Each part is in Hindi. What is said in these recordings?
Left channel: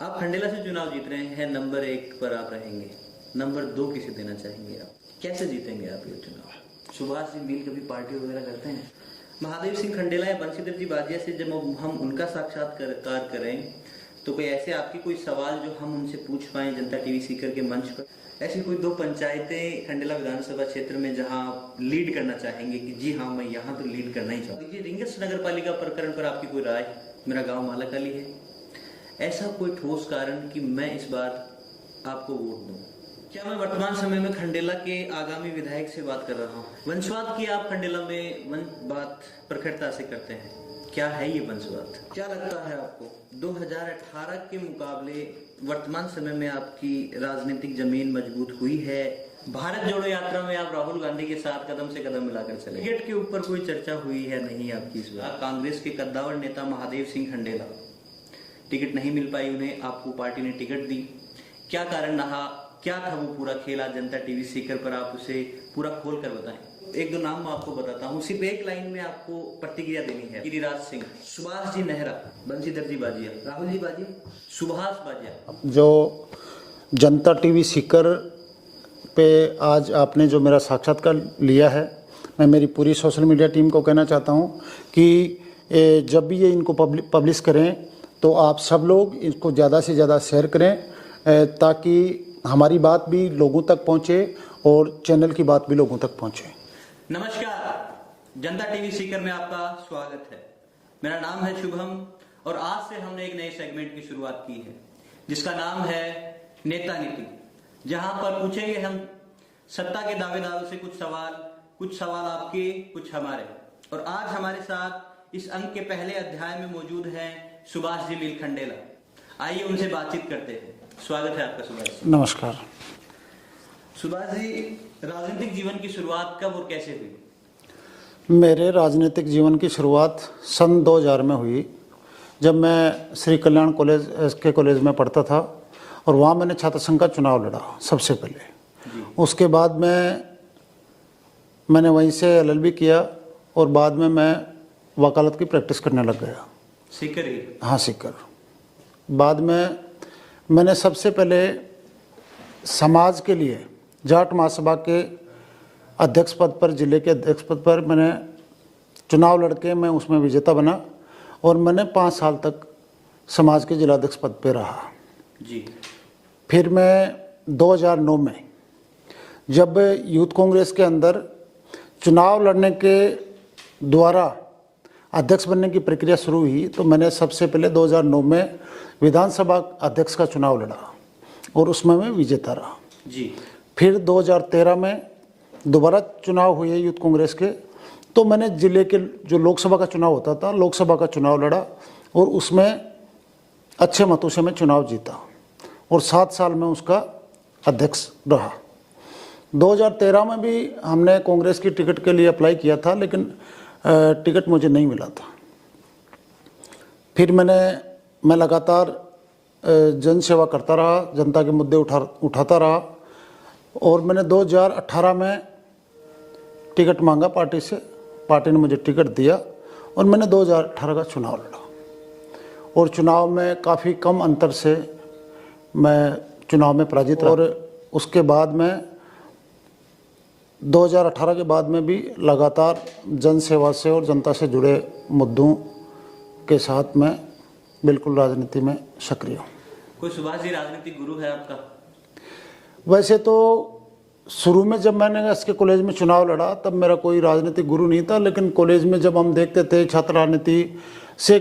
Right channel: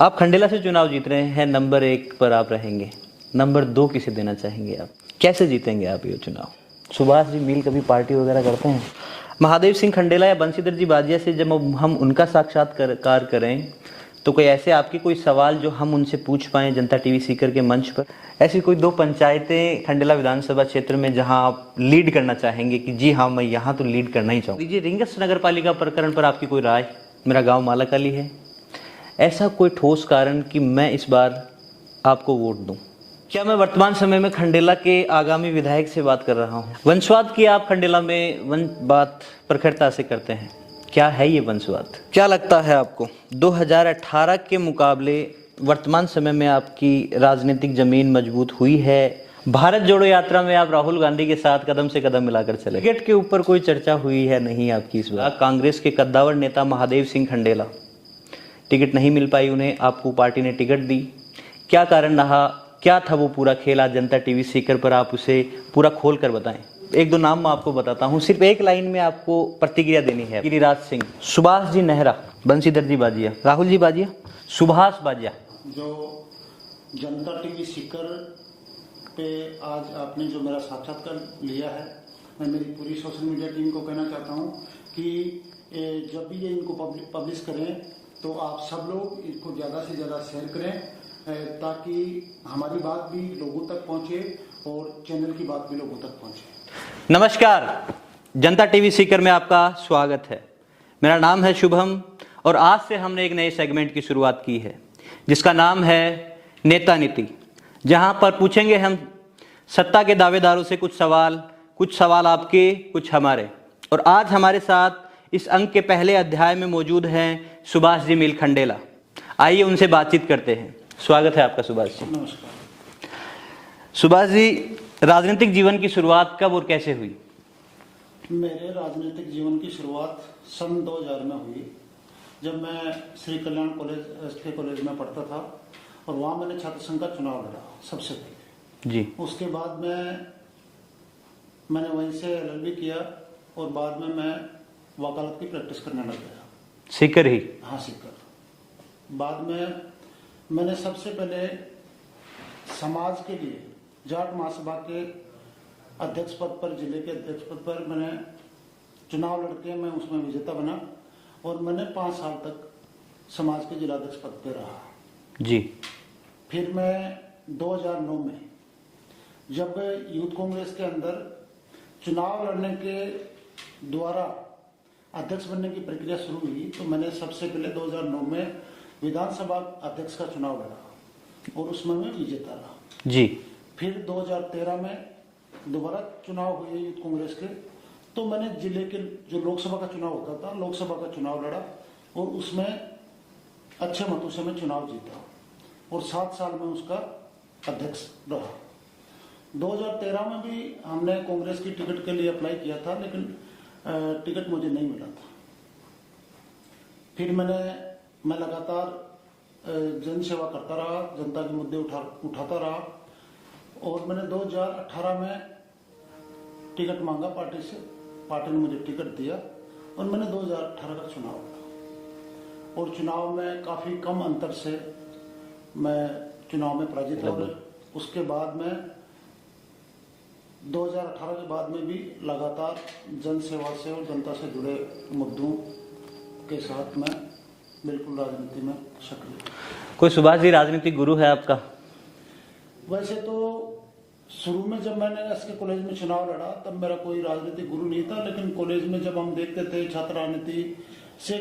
आप खंडेला से चुनाव जीत रहे हैं, नंबर 1 पर आप रहेंगे, नंबर 2 किसे देना चाहेंगे आप? कैसे जीतेंगे आप ये चुनाव? सुभाष जी मील कभी पार्टी वगैरह करते हैं? महादेव सिंह खंडेला या बंशीधर जी बाजिया से जब हम उनका साक्षात्कार करें तो कोई ऐसे आपके कोई सवाल जो हम उनसे पूछ पाएं जनता टीवी सीकर के मंच पर? ऐसी कोई 2 पंचायतें खंडेला विधानसभा क्षेत्र में जहां आप लीड करना चाहेंगे कि जी हाँ मैं यहाँ तो लीड करना ही चाहूँगा? जी, रिंगस नगर पालिका प्रकरण पर आपकी कोई राय? मेरा गाँव मालाकाली है, ऐसा कोई ठोस कारण कि मैं इस बार आपको वोट दूं? क्या मैं वर्तमान समय में खंडेला के आगामी विधायक से बात कर रहा हूं? वंशवाद की आप खंडेला में बात प्रखरता से करते हैं, क्या है ये वंशवाद? क्या लगता है आपको 2018 के मुकाबले वर्तमान समय में आपकी राजनीतिक जमीन मजबूत हुई है? भारत जोड़ो यात्रा में आप राहुल गांधी के साथ कदम से कदम मिलाकर चले, टिकट के ऊपर कोई चर्चा हुई है नहीं आपकी इस बार? कांग्रेस के कद्दावर नेता महादेव सिंह खंडेला, टिकट नहीं मिल पाई उन्हें, आपको पार्टी ने टिकट दी, क्या कारण रहा? क्या था वो पूरा खेल? आज जनता टीवी सीकर पर आप उसे पूरा खोल कर बताएं। 1-2 नाम मैं आपको बताता हूं, सिर्फ एक लाइन में आपको प्रतिक्रिया देनी है। गिरिराज सिंह, सुभाष जी नेहरा, बंशीधर जी बाजिया, राहुल जी बाजिया, सुभाष बाजिया। जो जनता टीवी सीकर पे आज आपने जो मेरा साक्षात्कार लिया है, मैं मेरी पूरी सोशल मीडिया टीम को कहना चाहता हूं कि जब भी ये इनको पब्लिश करें तो आप सब लोग इसको ज़्यादा से ज़्यादा शेयर करें ताकि हमारी बात भी लोगों तक पहुंचे और चैनल की बात भी लोगों तक पहुंचे। नमस्कार, जनता टीवी सीकर में आपका स्वागत है। मेरा नाम है शुभम और आज से हमने एक नए सेगमेंट की शुरुआत की है जिसका नाम है नेता नीति, जहां पर पूछेंगे हम सत्ता के दावेदारों से कुछ सवाल आपके, कुछ हमारे। और आज हमारे साथ इस अंक के पहले अध्याय में मौजूद हैं सुभाष जी मील खंडेला। आइए उनसे बातचीत करते हैं। स्वागत है आपका सुभाष जी। नमस्कार। सुभाष जी, राजनीतिक जीवन की शुरुआत कब और कैसे हुई? मेरे राजनीतिक जीवन की शुरुआत सन 2000 में हुई, जब मैं Shri Kalyan college SK college में पढ़ता था और वहाँ मैंने छात्र संघ का चुनाव लड़ा सबसे पहले जी। उसके बाद मैंने वहीं से LLB किया और बाद में मैं वकालत की प्रैक्टिस करने लग गया। सीकर ही? हाँ, सीकर। बाद में मैंने सबसे पहले समाज के लिए जाट महासभा के अध्यक्ष पद पर, जिले के अध्यक्ष पद पर मैंने चुनाव लड़के मैं उसमें विजेता बना और मैंने 5 साल तक समाज के जिलाध्यक्ष पद पर रहा जी। फिर मैं 2009 में जब यूथ कांग्रेस के अंदर चुनाव लड़ने के द्वारा अध्यक्ष बनने की प्रक्रिया शुरू हुई तो मैंने सबसे पहले 2009 में विधानसभा अध्यक्ष का चुनाव लड़ा और उसमें मैं विजेता रहा जी। फिर 2013 में दोबारा चुनाव हुए यूथ कांग्रेस के, तो मैंने जिले के जो लोकसभा का चुनाव होता था, लोकसभा का चुनाव लड़ा और उसमें अच्छे मतों से मैं चुनाव जीता और 7 साल में उसका अध्यक्ष रहा। 2013 में भी हमने कांग्रेस की टिकट के लिए अप्लाई किया था, लेकिन टिकट मुझे नहीं मिला था। फिर मैं लगातार जन सेवा करता रहा, जनता के मुद्दे उठाता रहा और मैंने 2018 में टिकट मांगा पार्टी से, पार्टी ने मुझे टिकट दिया और मैंने 2018 का चुनाव लड़ा और चुनाव में काफ़ी कम अंतर से मैं चुनाव में पराजित रहा। और उसके बाद में 2018 के बाद में भी लगातार जन सेवा से और जनता से जुड़े मुद्दों के साथ मैं बिल्कुल राजनीति में सक्रिय हूँ। कोई सुभाष जी राजनीतिक गुरु है आपका? वैसे तो शुरू में जब मैंने SK कॉलेज में चुनाव लड़ा तब मेरा कोई राजनीतिक गुरु नहीं था, लेकिन कॉलेज में जब हम देखते थे छात्र राजनीति से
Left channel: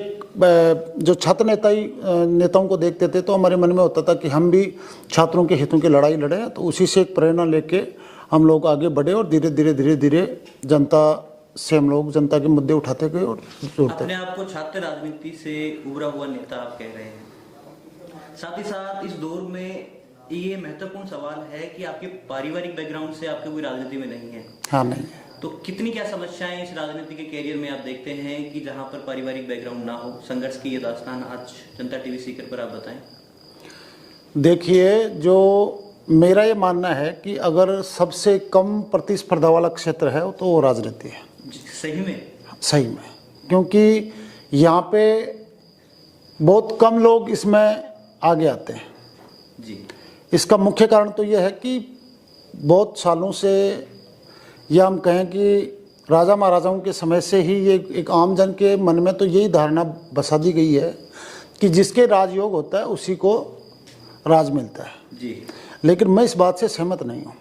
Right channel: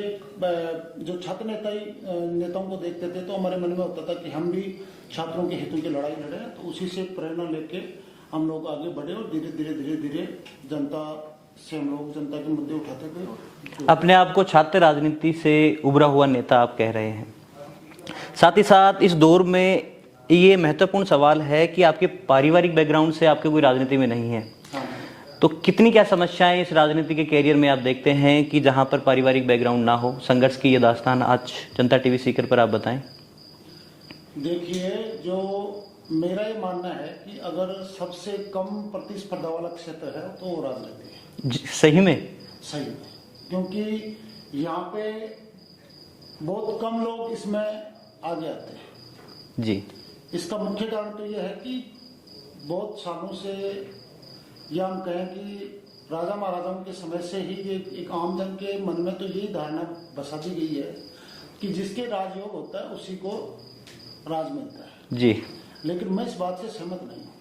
जो छात्र नेताओं को देखते थे तो हमारे मन में होता था कि हम भी छात्रों के हितों की लड़ाई लड़ें। तो उसी से एक प्रेरणा लेके हम लोग आगे बढ़े और धीरे धीरे जनता से हम लोग जनता के मुद्दे उठाते गए। और अपने आप को छात्र राजनीति से उभरा हुआ नेता आप कह रहे हैं, साथ ही साथ इस दौर में ये महत्वपूर्ण सवाल है कि आपके पारिवारिक बैकग्राउंड से आपके कोई राजनीति में नहीं है। हाँ, नहीं। तो कितनी क्या समस्याएं इस राजनीति के कैरियर में आप देखते हैं कि जहां पर पारिवारिक बैकग्राउंड ना हो? संघर्ष की ये दास्तान आज जनता टीवी सीकर पर आप बताएं। देखिए, जो मेरा ये मानना है कि अगर सबसे कम प्रतिस्पर्धा वाला क्षेत्र है तो वो राजनीति है। सही में? सही में, क्योंकि यहाँ पे बहुत कम लोग इसमें आगे आते हैं। जी। इसका मुख्य कारण तो यह है कि बहुत सालों से, या हम कहें कि राजा महाराजाओं के समय से ही ये एक आम जन के मन में तो यही धारणा बसा दी गई है कि जिसके राजयोग होता है उसी को राज मिलता है। जी। लेकिन मैं इस बात से सहमत नहीं हूँ।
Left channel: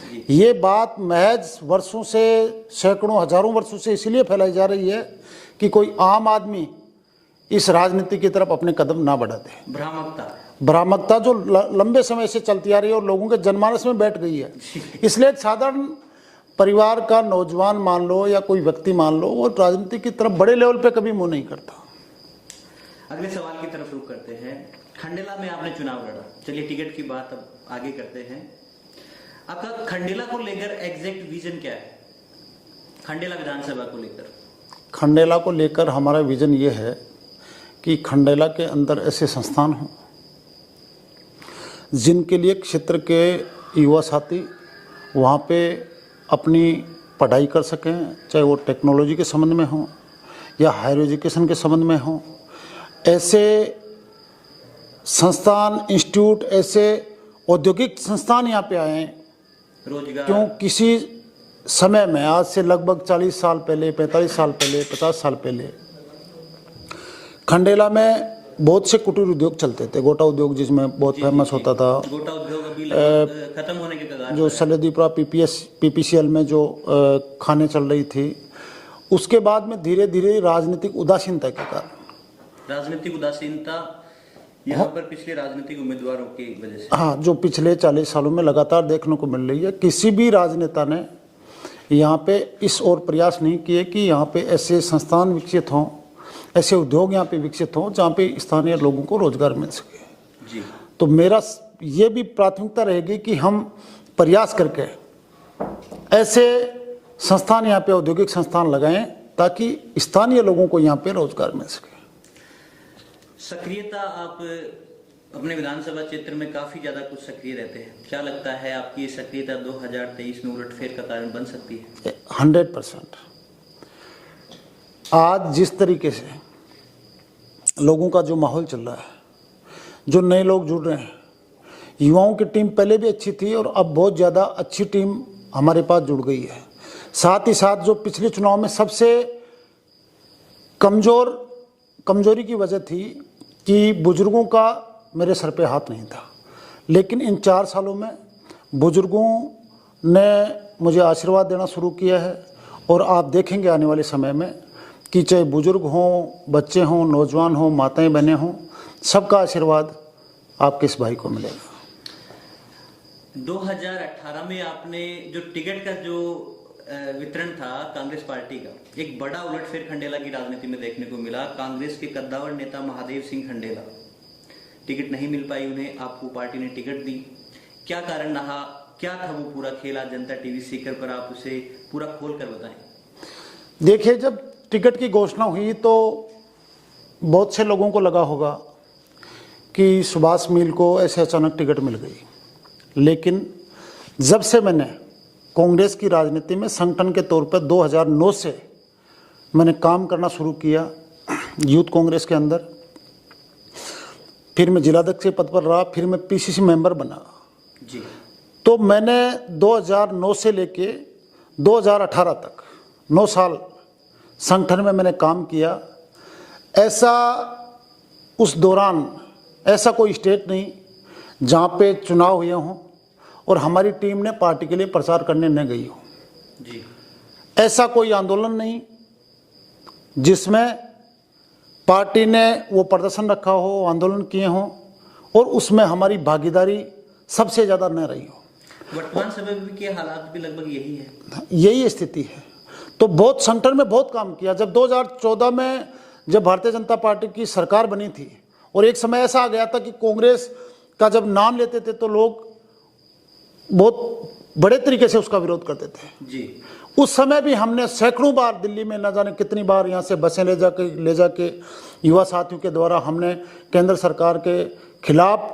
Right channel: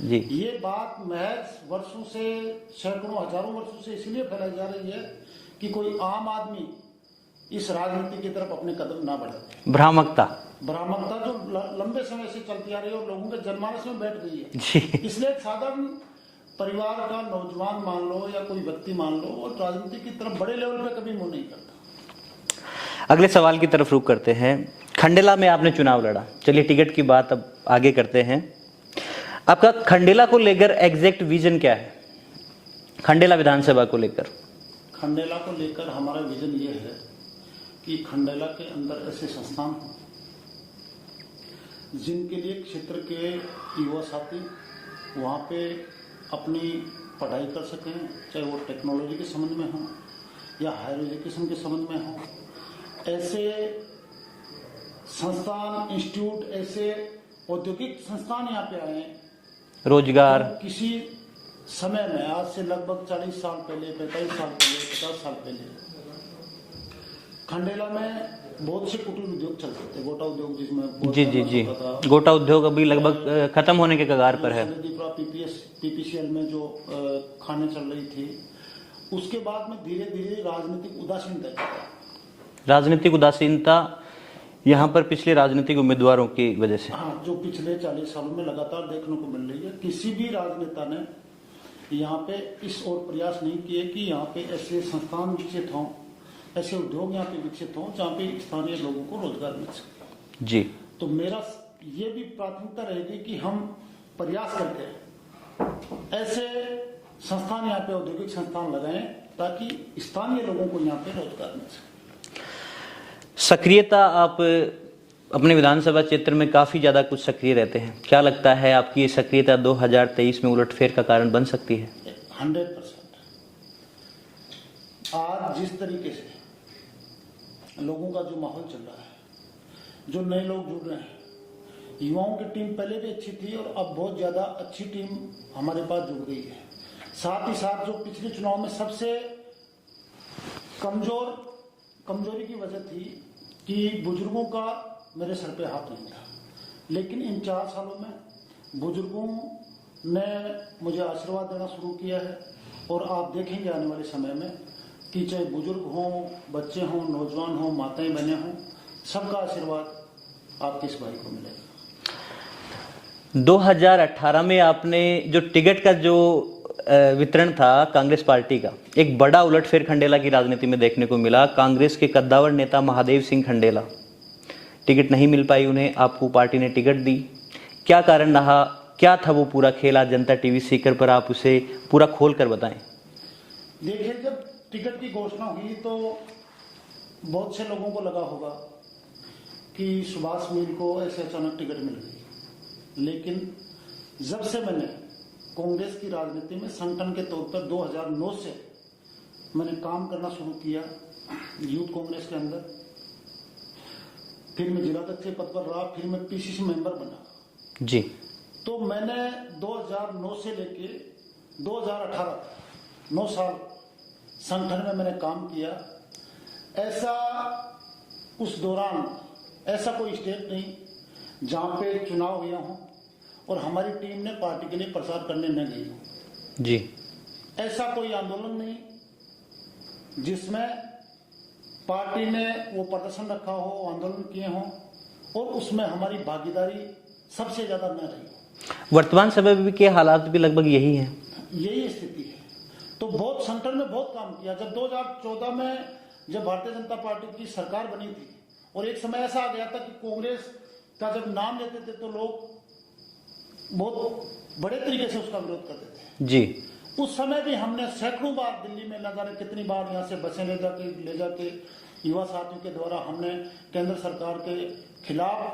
जी। ये बात महज वर्षों से, सैकड़ों हजारों वर्षों से इसलिए फैलाई जा रही है कि कोई आम आदमी इस राजनीति की तरफ अपने कदम ना बढ़ा दे। भ्रामकता जो लंबे समय से चलती आ रही है और लोगों के जनमानस में बैठ गई है। इसलिए एक साधारण परिवार का नौजवान मान लो या कोई व्यक्ति मान लो, वो राजनीति की तरफ बड़े लेवल पे कभी मुंह नहीं करता। अगले सवाल की तरफ रुख करते हैं। खंडेला में आपने चुनाव लड़ा, चलिए टिकट की बात अब आगे करते हैं। आपका खंडेला को लेकर एग्जैक्ट विजन क्या है? खंडेला विधानसभा को लेकर। खंडेला को लेकर हमारा विजन ये है कि खंडेला के अंदर ऐसे संस्थान हों जिनके लिए क्षेत्र के युवा साथी वहाँ पे अपनी पढ़ाई कर सकें, चाहे वो टेक्नोलॉजी के संबंध में हो या हायर एजुकेशन के संबंध में हो। ऐसे संस्थान, इंस्टीट्यूट, ऐसे औद्योगिक संस्थान यहाँ पे आए हैं। रोजगार क्यों किसी समय में, आज से लगभग 40 साल पहले, 45 साल पहले, 50 साल पहले खंडेला में बहुत से कुटीर उद्योग चलते थे। गोटा उद्योग जिसमें बहुत फेमस होता था। गोटा उद्योग अभी लगभग खत्म होने के कगार पर है। सलेदीपुरा पीपीसीएल में जो खाने चल रही थी, उसके बाद में धीरे धीरे राजनीतिक उदासीनता के कारण, राजनीतिक उदासीनता यहाँ पर पिछले राजनीतिक उम्मीदवारों की वजह से, हाँ, जो पिछले 40 सालों में लगातार देखने को मिल रही है। किसी भी राजनेता ने यहाँ पे इस ओर प्रयास नहीं किए कि यहाँ पे ऐसे संस्थान विकसित हों, ऐसे उद्योग यहाँ पे विकसित हों जहाँ पे स्थानीय लोगों को रोजगार मिल सके। जी। तो मेरा ये भी प्राथमिकता रहेगी कि हम प्रयास करके ऐसे संस्थान, यहाँ पे औद्योगिक संस्थान लगाएं ताकि स्थानीय लोगों को यहाँ पे रोजगार मिल सके। सक्रियता, आप अपने विधानसभा क्षेत्र में काफी ज्यादा कुछ सक्रिय रहते हैं, क्या लगता है आपकी ये सक्रियता 2023 में उलटफेर का कारण बन सकती है? 100%। आज जिस तरीके से लोगों का जो माहौल चल रहा है, जो नए लोग जुड़ रहे हैं, युवाओं की टीम पहले भी अच्छी थी और अब बहुत ज़्यादा अच्छी टीम हमारे पास जुड़ गई है। साथ ही साथ जो पिछले चुनाव में सबसे कमजोरी की वजह थी कि बुजुर्गों का मेरे सर पे हाथ नहीं था, लेकिन इन 4 सालों में बुजुर्गों ने मुझे आशीर्वाद देना शुरू किया है। और आप देखेंगे आने वाले समय में कि चाहे बुजुर्ग हों, बच्चे हों, नौजवान हों, माताएं बहनें हों, सबका आशीर्वाद आपके इस भाई को मिलेगा। 2018 में आपने जो टिकट का जो वितरण था कांग्रेस पार्टी का, एक बड़ा उलटफेर खंडेला की राजनीति में देखने को मिला। कांग्रेस के कद्दावर नेता महादेव सिंह खंडेला, टिकट नहीं मिल पाई उन्हें, आपको पार्टी ने टिकट दी। क्या कारण रहा, क्या था वो पूरा खेल? आज जनता टीवी सीकर पर आप उसे पूरा खोल कर बताएं। देखिए, जब टिकट की घोषणा हुई तो बहुत से लोगों को लगा होगा कि सुभाष मील को ऐसे अचानक टिकट मिल गई, लेकिन जब से मैंने कांग्रेस की राजनीति में संगठन के तौर पर 2009 से मैंने काम करना शुरू किया यूथ कांग्रेस के अंदर, फिर मैं जिलाध्यक्ष के पद पर रहा, फिर मैं पीसीसी मेंबर बना जी। तो मैंने 2009 से लेके 2018 तक 9 साल संगठन में मैंने काम किया। ऐसा उस दौरान ऐसा कोई स्टेट नहीं जहाँ पे चुनाव हुए हों और हमारी टीम ने पार्टी के लिए प्रचार करने न गई हो। जी। ऐसा कोई आंदोलन नहीं जिसमें पार्टी ने वो प्रदर्शन रखा हो, आंदोलन किए हों और उसमें हमारी भागीदारी सबसे ज़्यादा न रही हो। वर्तमान समय में के हालात भी लगभग यही है, यही स्थिति है। तो बहुत संगठन में बहुत काम किया। जब 2014 में जब भारतीय जनता पार्टी की सरकार बनी थी और एक समय ऐसा आ गया था कि कांग्रेस का जब नाम लेते थे तो लोग बहुत बड़े तरीके से उसका विरोध करते थे जी। उस समय भी हमने सैकड़ों बार दिल्ली में न जाने कितनी बार यहाँ से बसें ले जाके युवा साथियों के द्वारा हमने केंद्र सरकार के खिलाफ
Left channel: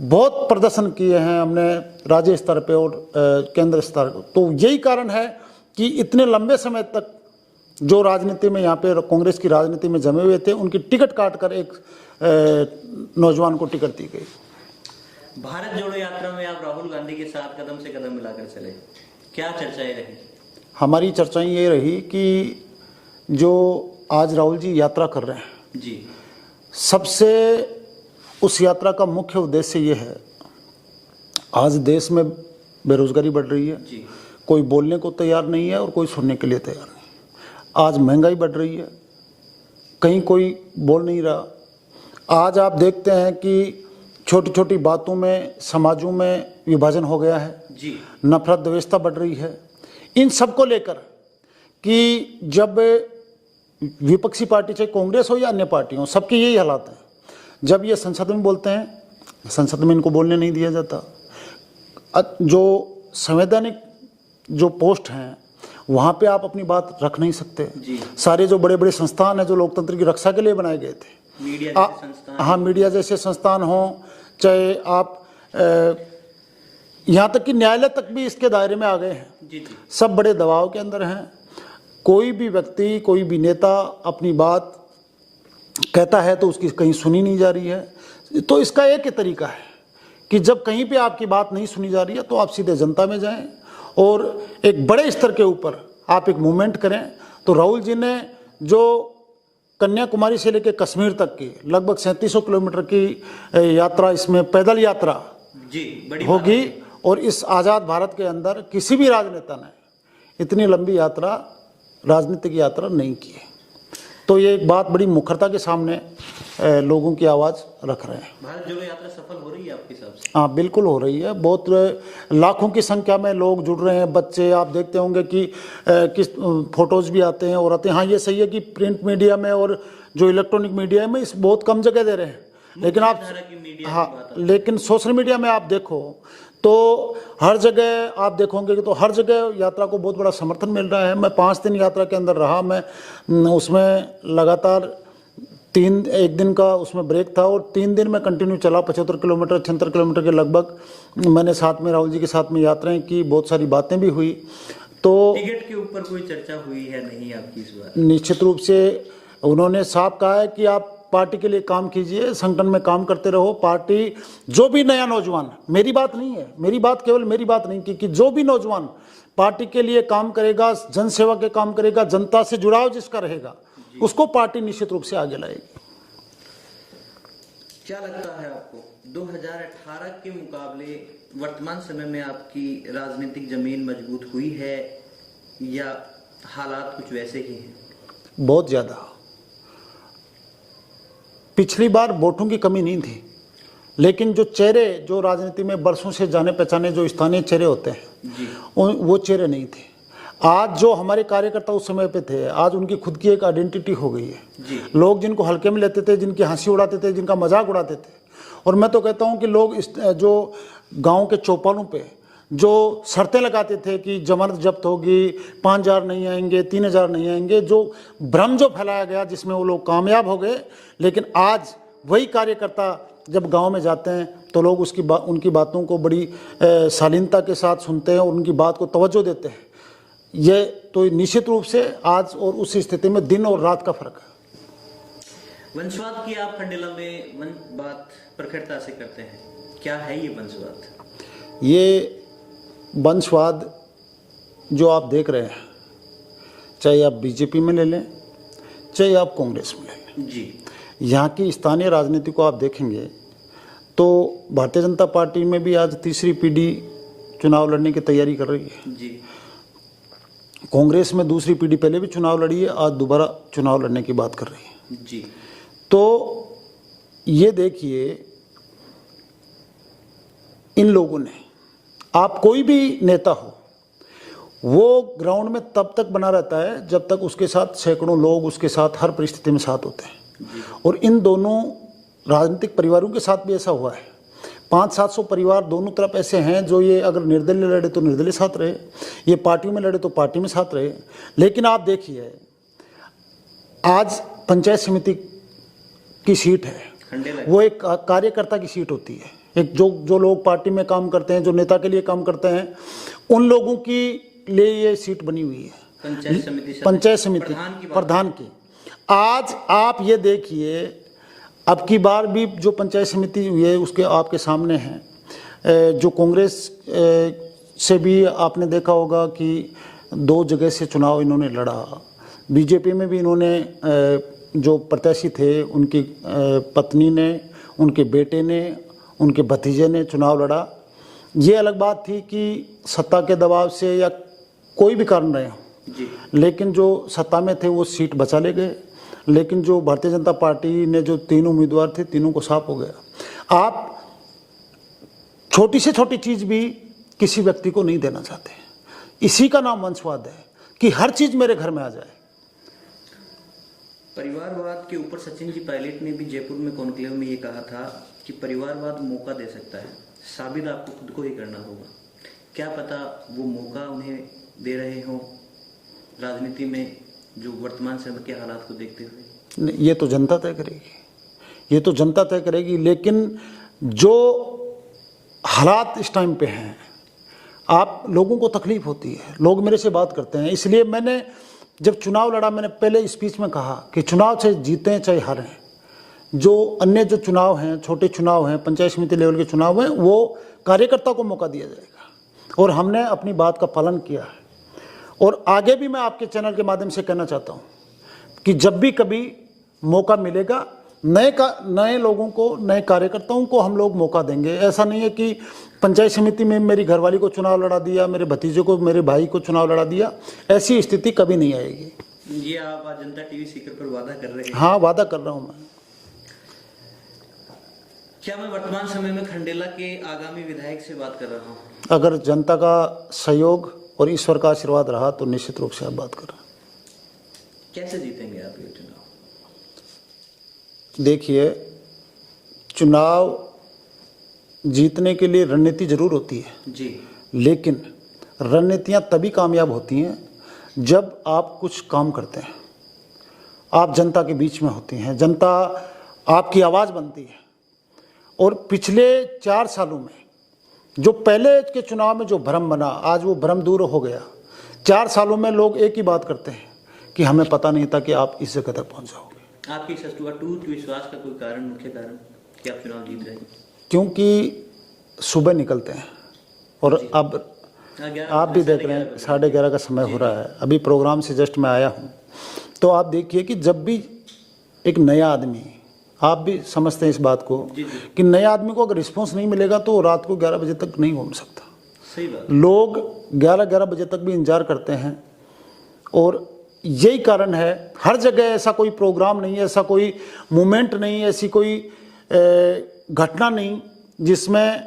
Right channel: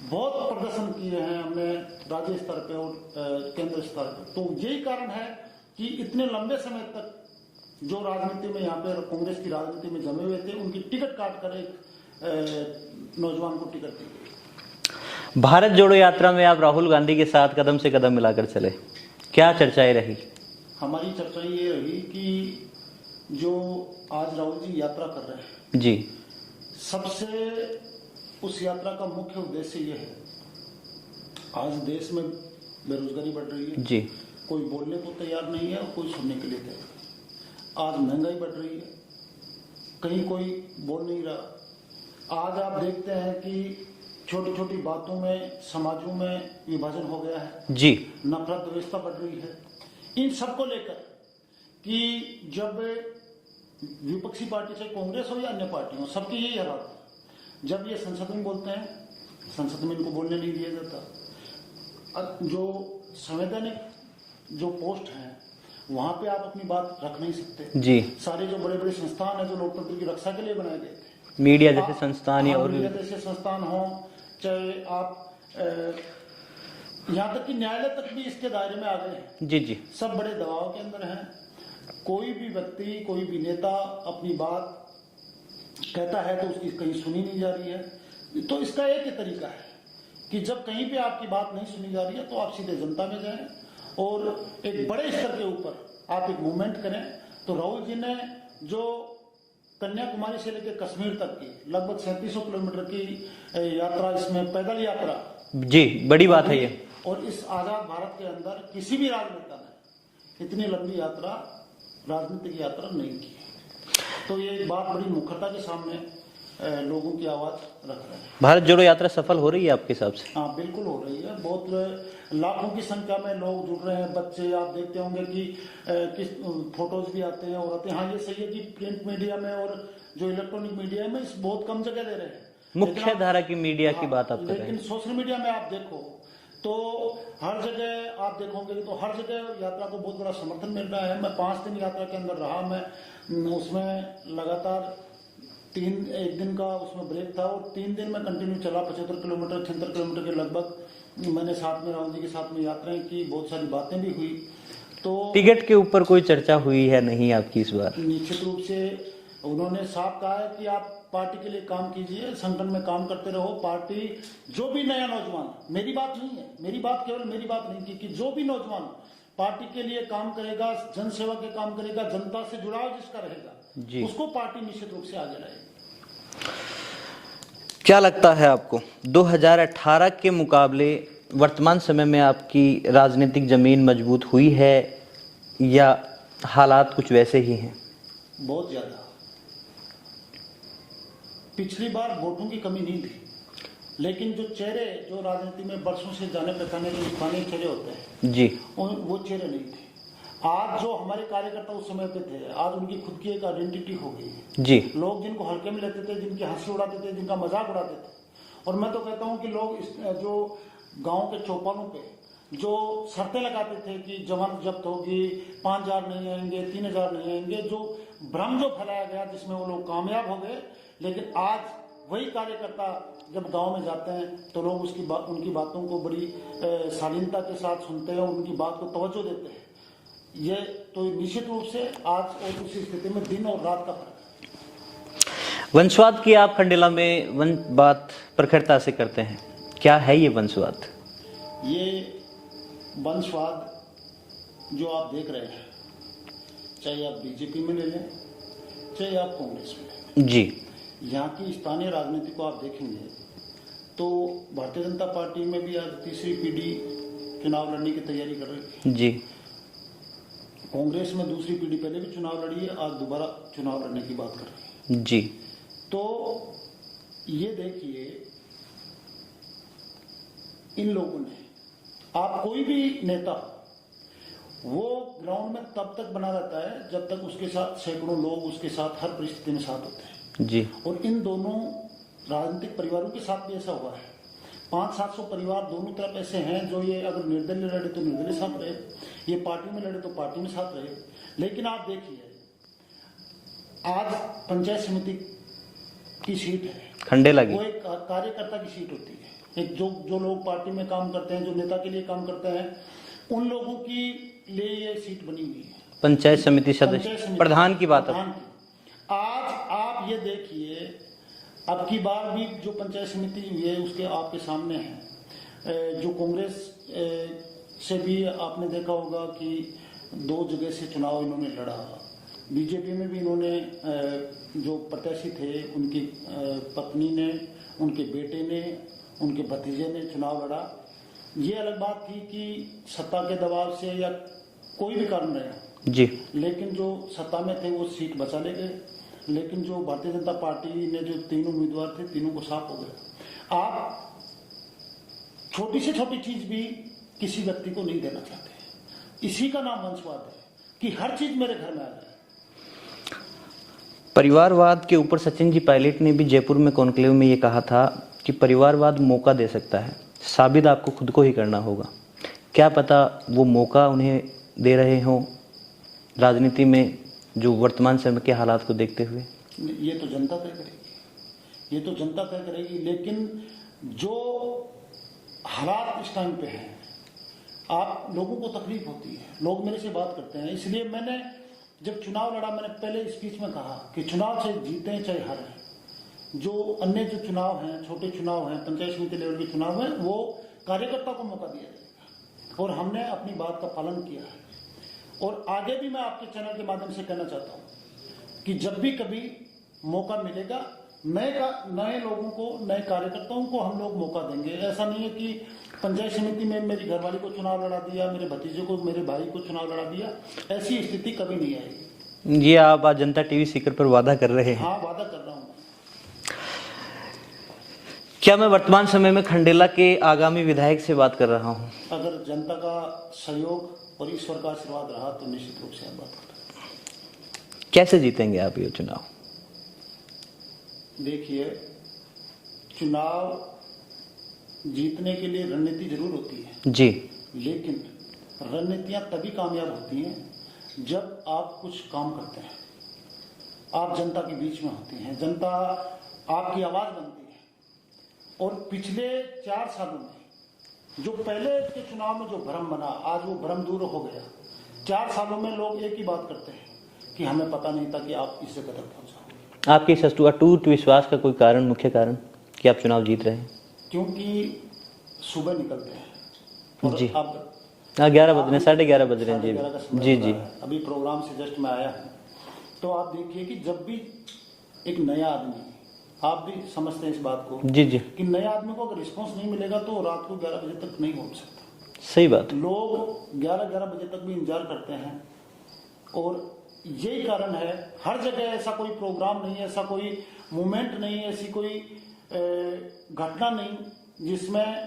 बहुत प्रदर्शन किए हैं, हमने राज्य स्तर पे और केंद्र स्तर। तो यही कारण है कि इतने लंबे समय तक जो राजनीति में यहाँ पे कांग्रेस की राजनीति में जमे हुए थे, उनकी टिकट काट कर एक नौजवान को टिकट दी गई। भारत जोड़ो यात्रा में आप राहुल गांधी के साथ कदम से कदम मिलाकर चले, क्या चर्चाएं रही? हमारी चर्चाएं ये रही कि जो आज राहुल जी यात्रा कर रहे हैं जी, सबसे उस यात्रा का मुख्य उद्देश्य ये है, आज देश में बेरोजगारी बढ़ रही है जी, कोई बोलने को तैयार नहीं है और कोई सुनने के लिए तैयार नहीं। आज महंगाई बढ़ रही है, कहीं कोई बोल नहीं रहा। आज आप देखते हैं कि छोटी छोटी बातों में समाजों में विभाजन हो गया है जी, नफरत द्वेषता बढ़ रही है। इन सब को लेकर कि जब विपक्षी पार्टी चाहे कांग्रेस हो या अन्य पार्टी हो, सबके यही हालात हैं। जब ये संसद में बोलते हैं, संसद में इनको बोलने नहीं दिया जाता। जो संवैधानिक जो पोस्ट हैं वहाँ पे आप अपनी बात रख नहीं सकते जी। सारे जो बड़े बड़े संस्थान हैं जो लोकतंत्र की रक्षा के लिए बनाए गए थे, मीडिया जैसे संस्थान, हाँ मीडिया जैसे संस्थान हो, चाहे आप यहाँ तक कि न्यायालय तक भी इसके दायरे में आ गए हैं जी जी, सब बड़े दबाव के अंदर हैं। कोई भी व्यक्ति, कोई भी नेता अपनी बात कहता है तो उसकी कहीं सुनी नहीं जा रही है। तो इसका एक ही तरीका है कि जब कहीं पे आपकी बात नहीं सुनी जा रही है तो आप सीधे जनता में जाएं और एक बड़े स्तर के ऊपर आप एक मूवमेंट करें। तो राहुल जी ने जो कन्याकुमारी से लेकर कश्मीर तक की लगभग 3700 किलोमीटर की यात्रा, इसमें पैदल यात्रा जी, बड़ी बात है होगी। और इस आज़ाद भारत के अंदर किसी भी राजनेता ने इतनी लंबी यात्रा, राजनीतिक यात्रा नहीं की है। तो ये एक बात बड़ी मुखरता के सामने लोगों की आवाज़ रख रहे हैं। भारत जोड़ो यात्रा सफल हो रही है आपके हिसाब से? हाँ बिल्कुल हो रही है। बहुत लाखों की संख्या में लोग जुड़ रहे हैं। बच्चे, आप देखते होंगे कि किस फोटोज़ भी आते हैं और आते हैं। हाँ ये सही है कि प्रिंट मीडिया में और जो इलेक्ट्रॉनिक मीडिया में इस बहुत कम जगह दे रहे हैं, लेकिन आप धारा की मीडिया हाँ, की बात आप लेकिन सोशल मीडिया में आप देखो तो हर जगह आप देखोगे कि तो हर जगह यात्रा को बहुत बड़ा समर्थन मिल रहा है। मैं 5 दिन यात्रा के अंदर रहा, मैं उसमें लगातार एक दिन का उसमें ब्रेक था और 3 दिन में कंटिन्यू चला। 75 किलोमीटर 76 किलोमीटर के लगभग मैंने साथ में राहुल जी के साथ में यात्राएं की, बहुत सारी बातें भी हुई। तो टिकट के ऊपर कोई चर्चा हुई है नहीं आपकी इस बार? निश्चित रूप से उन्होंने साफ कहा है कि आप पार्टी के लिए काम कीजिए, संगठन में काम करते रहो। पार्टी जो भी नया नौजवान, मेरी बात नहीं है, मेरी बात केवल मेरी बात नहीं कि जो भी नौजवान पार्टी के लिए काम करेगा, जनसेवा के काम करेगा, जनता से जुड़ाव जिसका रहेगा, उसको पार्टी निश्चित रूप से आगे लाएगी। क्या लगता है आपको 2018 के मुकाबले वर्तमान समय में आपकी राजनीतिक जमीन मजबूत हुई है या हालात कुछ वैसे ही हैं? बहुत ज़्यादा। पिछली बार वोटों की कमी नहीं थी, लेकिन जो चेहरे, जो राजनीति में बरसों से जाने पहचाने जो स्थानीय चेहरे होते हैं जी, वो चेहरे नहीं थे। आज जो हमारे कार्यकर्ता उस समय पे थे, आज उनकी खुद की एक आइडेंटिटी हो गई है जी। लोग जिनको हल्के में लेते थे, जिनकी हंसी उड़ाते थे, जिनका मजाक उड़ाते थे। और मैं तो कहता हूँ कि लोग जो गाँव के चौपालों पे जो शर्तें लगाते थे कि जमानत जब्त होगी, 5000 नहीं आएंगे, 3000 नहीं आएंगे, जो भ्रम जो फैलाया गया जिसमें वो लोग कामयाब हो गए। लेकिन आज वही कार्यकर्ता जब गांव में जाते हैं तो लोग उनकी बातों को बड़ी शालीनता के साथ सुनते हैं और उनकी बात को तवज्जो देते हैं। ये तो निश्चित रूप से आज और उस स्थिति में दिन और रात का फर्क है। वंशवाद की आप खंडेला में बात प्रखरता से करते हैं, क्या है ये वंशवाद? ये वंशवाद जो आप देख रहे हैं, चाहे आप बीजेपी में ले लें, चाहे आप कांग्रेस में ले लें जी, यहाँ की स्थानीय राजनीति को आप देखेंगे तो भारतीय जनता पार्टी में भी आज तीसरी पीढ़ी चुनाव लड़ने की तैयारी कर रही है जी। कांग्रेस में दूसरी पीढ़ी पहले भी चुनाव लड़ी है, आज दोबारा चुनाव लड़ने की बात कर रही है जी। तो ये देखिए, इन लोगों ने, आप कोई भी नेता हो, वो ग्राउंड में तब तक बना रहता है जब तक उसके साथ सैकड़ों लोग उसके साथ हर परिस्थिति में साथ होते हैं जी। और इन दोनों राजनीतिक परिवारों के साथ भी ऐसा हुआ है। 500-700 परिवार दोनों तरफ ऐसे हैं जो ये अगर निर्दलीय लड़े तो निर्दलीय साथ रहे, ये पार्टियों में लड़े तो पार्टी में साथ रहे। लेकिन आप देखिए, आज पंचायत समिति की सीट है, खंडेला वो एक कार्यकर्ता की सीट होती है। एक जो लोग पार्टी में काम करते हैं, जो नेता के लिए काम करते हैं, उन लोगों की लिए ये सीट बनी हुई है। पंचायत समिति प्रधान की बात, प्रधान की। आज आप ये देखिए, अब की बार भी जो पंचायत समिति हुई है उसके आपके सामने है। जो कांग्रेस से भी आपने देखा होगा कि 2 जगह से चुनाव इन्होंने लड़ा। बीजेपी में भी इन्होंने जो प्रत्याशी थे उनकी पत्नी ने, उनके बेटे ने, उनके भतीजे ने चुनाव लड़ा। ये अलग बात थी कि सत्ता के दबाव से या कोई भी कारण रहे जी, लेकिन जो सत्ता में थे वो सीट बचा ले गए। लेकिन जो भारतीय जनता पार्टी ने जो 3 उम्मीदवार थे, तीनों को साफ हो गया। आप छोटी से छोटी चीज़ भी किसी व्यक्ति को नहीं देना चाहते। इसी का नाम वंशवाद है कि हर चीज़ मेरे घर में आ जाए। परिवारवाद के ऊपर सचिन जी पायलट ने भी जयपुर में कॉन्क्लेव में ये कहा था कि परिवारवाद मौका दे सकता है, साबित आपको खुद को ही करना होगा। क्या पता वो मौका उन्हें दे रहे हों राजनीति में, जो वर्तमान समय के हालात को देखते हुए? ये तो जनता तय करेगी, ये तो जनता तय करेगी। लेकिन जो हालात इस टाइम पे हैं, आप लोगों को तकलीफ होती है, लोग मेरे से बात करते हैं। इसलिए मैंने जब चुनाव लड़ा, मैंने पहले स्पीच में कहा कि चुनाव चाहे जीतें चाहे हारें, जो अन्य जो चुनाव हैं, छोटे चुनाव हैं, पंचायत समिति लेवल के चुनाव हैं, वो कार्यकर्ता को मौका दिया जाएगा। और हमने अपनी बात का पालन किया है। और आगे भी मैं आपके चैनल के माध्यम से कहना चाहता हूँ कि जब भी कभी मौका मिलेगा, नए लोगों को, नए कार्यकर्ताओं को हम लोग मौका देंगे। ऐसा नहीं है कि पंचायत समिति में मेरी घरवाली को चुनाव लड़ा दिया, मेरे भतीजे को, मेरे भाई को चुनाव लड़ा दिया, ऐसी स्थिति कभी नहीं आएगी। ये आप आज जनता टीवी सीकर पर वादा कर रहे हैं? हाँ, वादा कर रहा हूँ मैं। क्या मैं वर्तमान समय में खंडेला के आगामी विधायक से बात कर रहा हूँ? अगर जनता का सहयोग और ईश्वर का आशीर्वाद रहा तो निश्चित रूप से आप बात कर रहे हैं। कैसे जीतेंगे आप ये चुनाव? देखिए, चुनाव जीतने के लिए रणनीति जरूर होती है जी, लेकिन रणनीतियां तभी कामयाब होती हैं जब आप कुछ काम करते हैं, आप जनता के बीच में होती हैं, जनता आपकी आवाज़ बनती है। और पिछले 4 सालों में जो पहले के चुनाव में जो भ्रम बना, आज वो भ्रम दूर हो गया। 4 सालों में लोग एक ही बात करते हैं कि हमें पता नहीं था कि आप इस जगह तक पहुँच जाओगे। आपके इस अटूट विश्वास का कोई कारण, मुख्य कारण कि आप चुनाव जीत रहे हैं? क्योंकि सुबह निकलते हैं और अब 11 साढ़े 11 का समय हो रहा है। अभी प्रोग्राम से जस्ट मैं आया हूँ, तो आप देखिए कि जब भी एक नया आदमी, आप भी समझते हैं इस बात को जी जी, कि नए आदमी को अगर रिस्पॉन्स नहीं मिलेगा तो रात को 11 बजे तक नहीं घूम सकता। सही बात। लोग 11 बजे तक भी इंतजार करते हैं और यही कारण है। हर जगह ऐसा कोई प्रोग्राम नहीं है, ऐसा कोई मूवमेंट नहीं, ऐसी कोई घटना नहीं जिसमें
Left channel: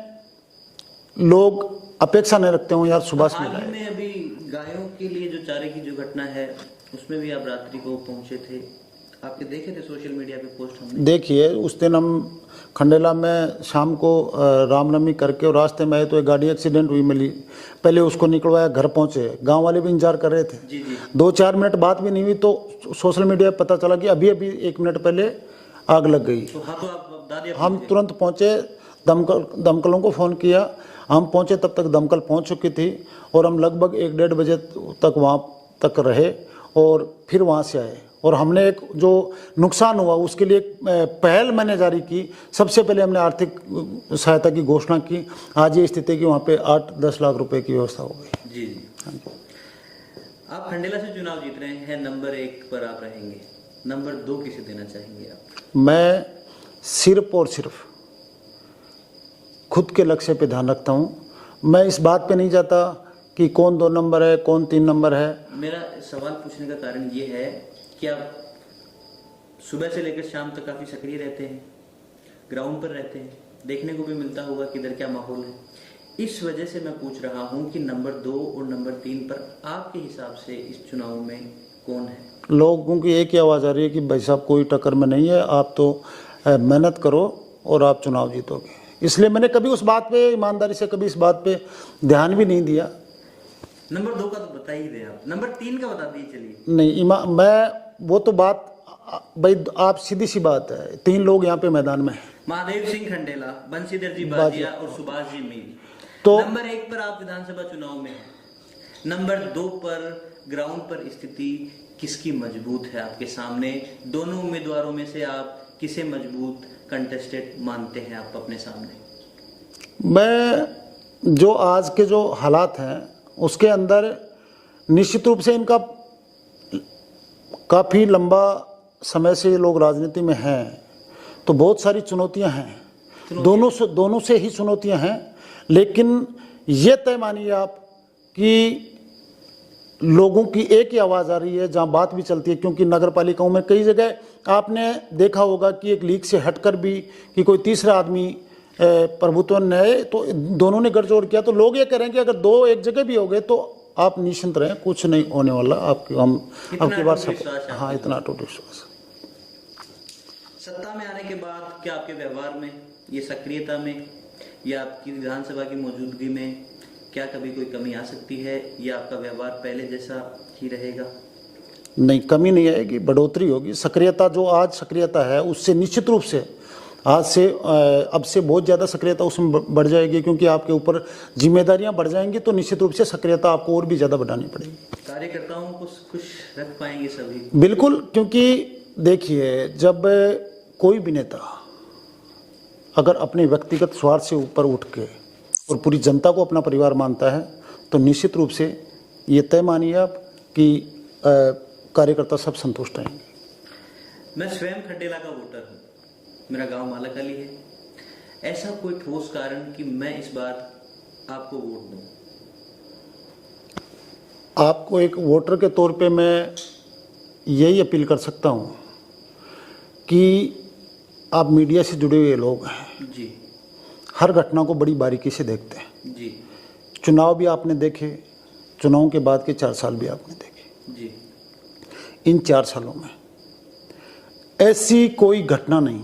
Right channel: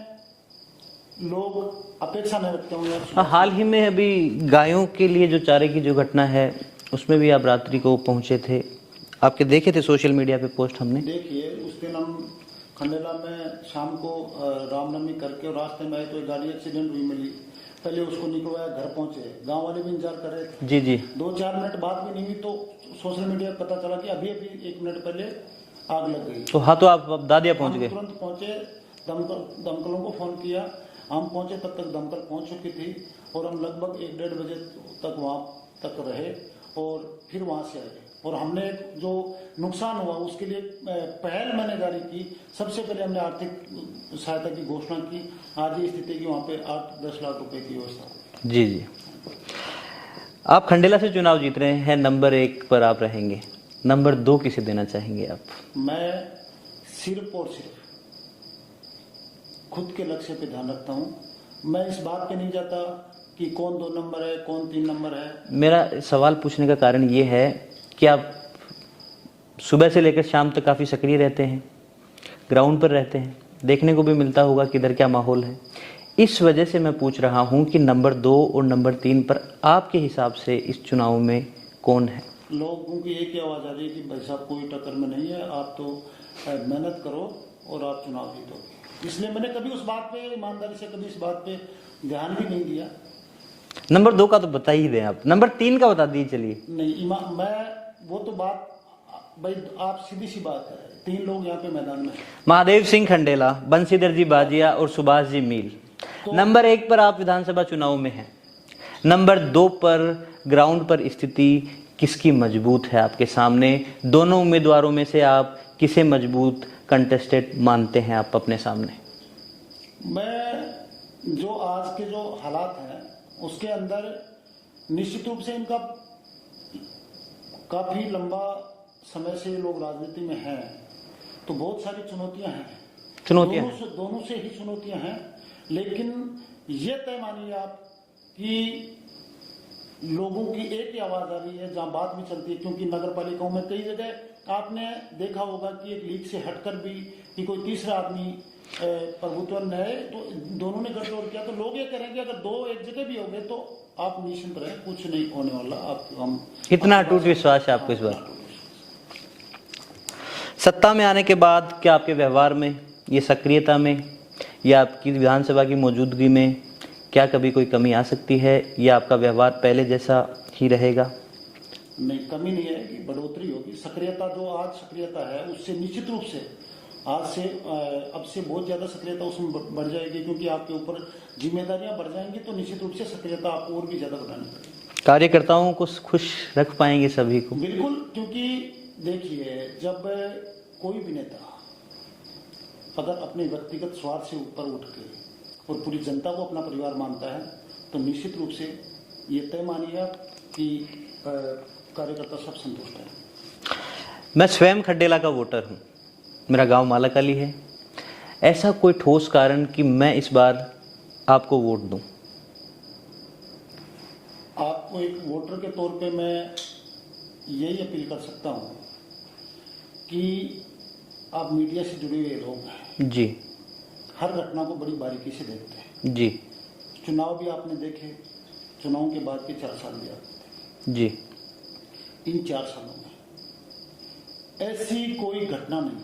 लोग अपेक्षा नहीं रखते हो यार सुबह। हाल ही में अभी गायों के लिए जो चारे की जो घटना है, उसमें भी आप रात्रि को पहुंचे थे, आपके देखे थे सोशल मीडिया पे पोस्ट हमने। देखिए, उस दिन हम खंडेला में शाम को रामनवमी करके और रास्ते में आए तो एक गाड़ी एक्सीडेंट हुई मिली। पहले उसको निकलवाया, घर पहुंचे, गांव वाले भी इंतजार कर रहे थे। जी जी, 2-4 मिनट बात भी नहीं हुई तो सोशल मीडिया पर पता चला कि अभी 1 मिनट पहले आग लग गई। तो हाँ, तो आप दादिया पहुंच हम गए? तुरंत पहुंचे, दमकलों को फ़ोन किया। हम पहुंचे तब तक दमकल पहुंच चुकी थी और हम लगभग 1-1.5 बजे तक वहां तक रहे और फिर वहां से आए। और हमने एक जो नुकसान हुआ उसके लिए पहल मैंने जारी की। सबसे पहले हमने आर्थिक सहायता की घोषणा की। आज ये स्थिति कि वहाँ पे 8-10 लाख रुपए की व्यवस्था हो गई। जी जी, आप खंडेला से चुनाव जीत रहे हैं, नंबर 1 पर आप रहेंगे, नंबर 2 किसे देना चाहेंगे आप? मैं सिर्फ और सिर्फ खुद के लक्ष्य पे ध्यान रखता हूँ। मैं इस बात पे नहीं जाता कि कौन 2 नंबर है, कौन 3 नंबर है। मेरा सवाल पूछने का कारण ये है कि आप सुबह से लेकर शाम तक काफ़ी सक्रिय रहते हैं, ग्राउंड पर रहते हैं, देखने को भी मिलता होगा कि इधर क्या माहौल है। इस वजह से मैं पूछ रहा हूं कि नंबर 2 और नंबर 3 पर आपके हिसाब से इस चुनाव में कौन है? लोगों की एक ही आवाज़ आ रही है कि भाई साहब कोई टक्कर में नहीं है, आप तो मेहनत करो और आप चुनाव जीतोगे। इसलिए मैंने कभी उस बात पे, ईमानदारी से कभी इस बात पे ध्यान भी नहीं दिया। नंबर 2 का तो बता ही दें आप, नंबर 3 का बता दीजिए। चलिए नहीं, मैं वो तो बात भाई आप सीधी सी बात है, 3 लोग यहाँ पे मैदान में हैं। महादेव सिंह खंडेला, बंशीधर जी बाजिया और सुभाष जी मील। तो नंबर 1 पर आप विधानसभा चुनाव में हैं, नंबर 2 पर ग्राउंड पर स्थिति किसकी मजबूत है आपके सामने? दोनों उम्मीदवारों में से आप किसे मजबूत कंटेस्टेड मानते हैं आप अपने सामने? मैं जो आज के जो हालात हैं उसके अंदर निश्चित रूप से इनका काफ़ी लंबा समय से ये लोग राजनीति में हैं, तो बहुत सारी चुनौतियां हैं। दोनों से ही चुनौतियां हैं, लेकिन ये तय मानिए आप कि लोगों की एक ही आवाज़ आ रही है जहां बात भी चलती है, क्योंकि नगर पालिकाओं में कई जगह आपने देखा होगा कि एक लीग से हटकर भी कि कोई तीसरा आदमी प्रभुत्व ने तो दोनों ने गठजोड़ किया, तो लोग ये करें कि अगर दो एक जगह भी हो गए तो आप निश्चिंत रहें, कुछ नहीं होने वाला। आपके हम इतना अटूट विश्वास है आपके? हाँ, इतना अटूट विश्वास। सत्ता में आने के बाद क्या आपके व्यवहार में, ये सक्रियता में या आपकी विधानसभा की मौजूदगी में क्या कभी कोई कमी आ सकती है, या आपका व्यवहार पहले जैसा ही रहेगा? नहीं, कमी नहीं आएगी, बढ़ोतरी होगी। सक्रियता जो आज सक्रियता है उससे निश्चित रूप से आज से अब से बहुत ज़्यादा सक्रियता उसमें बढ़ जाएगी, क्योंकि आपके ऊपर जिम्मेदारियां बढ़ जाएंगी, तो निश्चित रूप से सक्रियता आपको और भी ज़्यादा बढ़ानी पड़ेगी। कार्यकर्ताओं को खुश रख पाएंगे सभी को? बिल्कुल, क्योंकि देखिए जब कोई भी नेता अगर अपने व्यक्तिगत स्वार्थ से ऊपर उठ के और पूरी जनता को अपना परिवार मानता है, तो निश्चित रूप से ये तय मानिए आप कि कार्यकर्ता सब संतुष्ट हैं। मैं स्वयं खंडेला का वोटर हूँ, मेरा गांव मालाकाली है। ऐसा कोई ठोस कारण कि मैं इस बार आपको वोट दूं? आपको एक वोटर के तौर पे मैं यही अपील कर सकता हूँ कि आप मीडिया से जुड़े हुए लोग हैं जी, हर घटना को बड़ी बारीकी से देखते हैं जी, चुनाव भी आपने देखे, चुनाव के बाद के 4 साल भी आपने देखे जी। इन 4 सालों में ऐसी कोई घटना नहीं,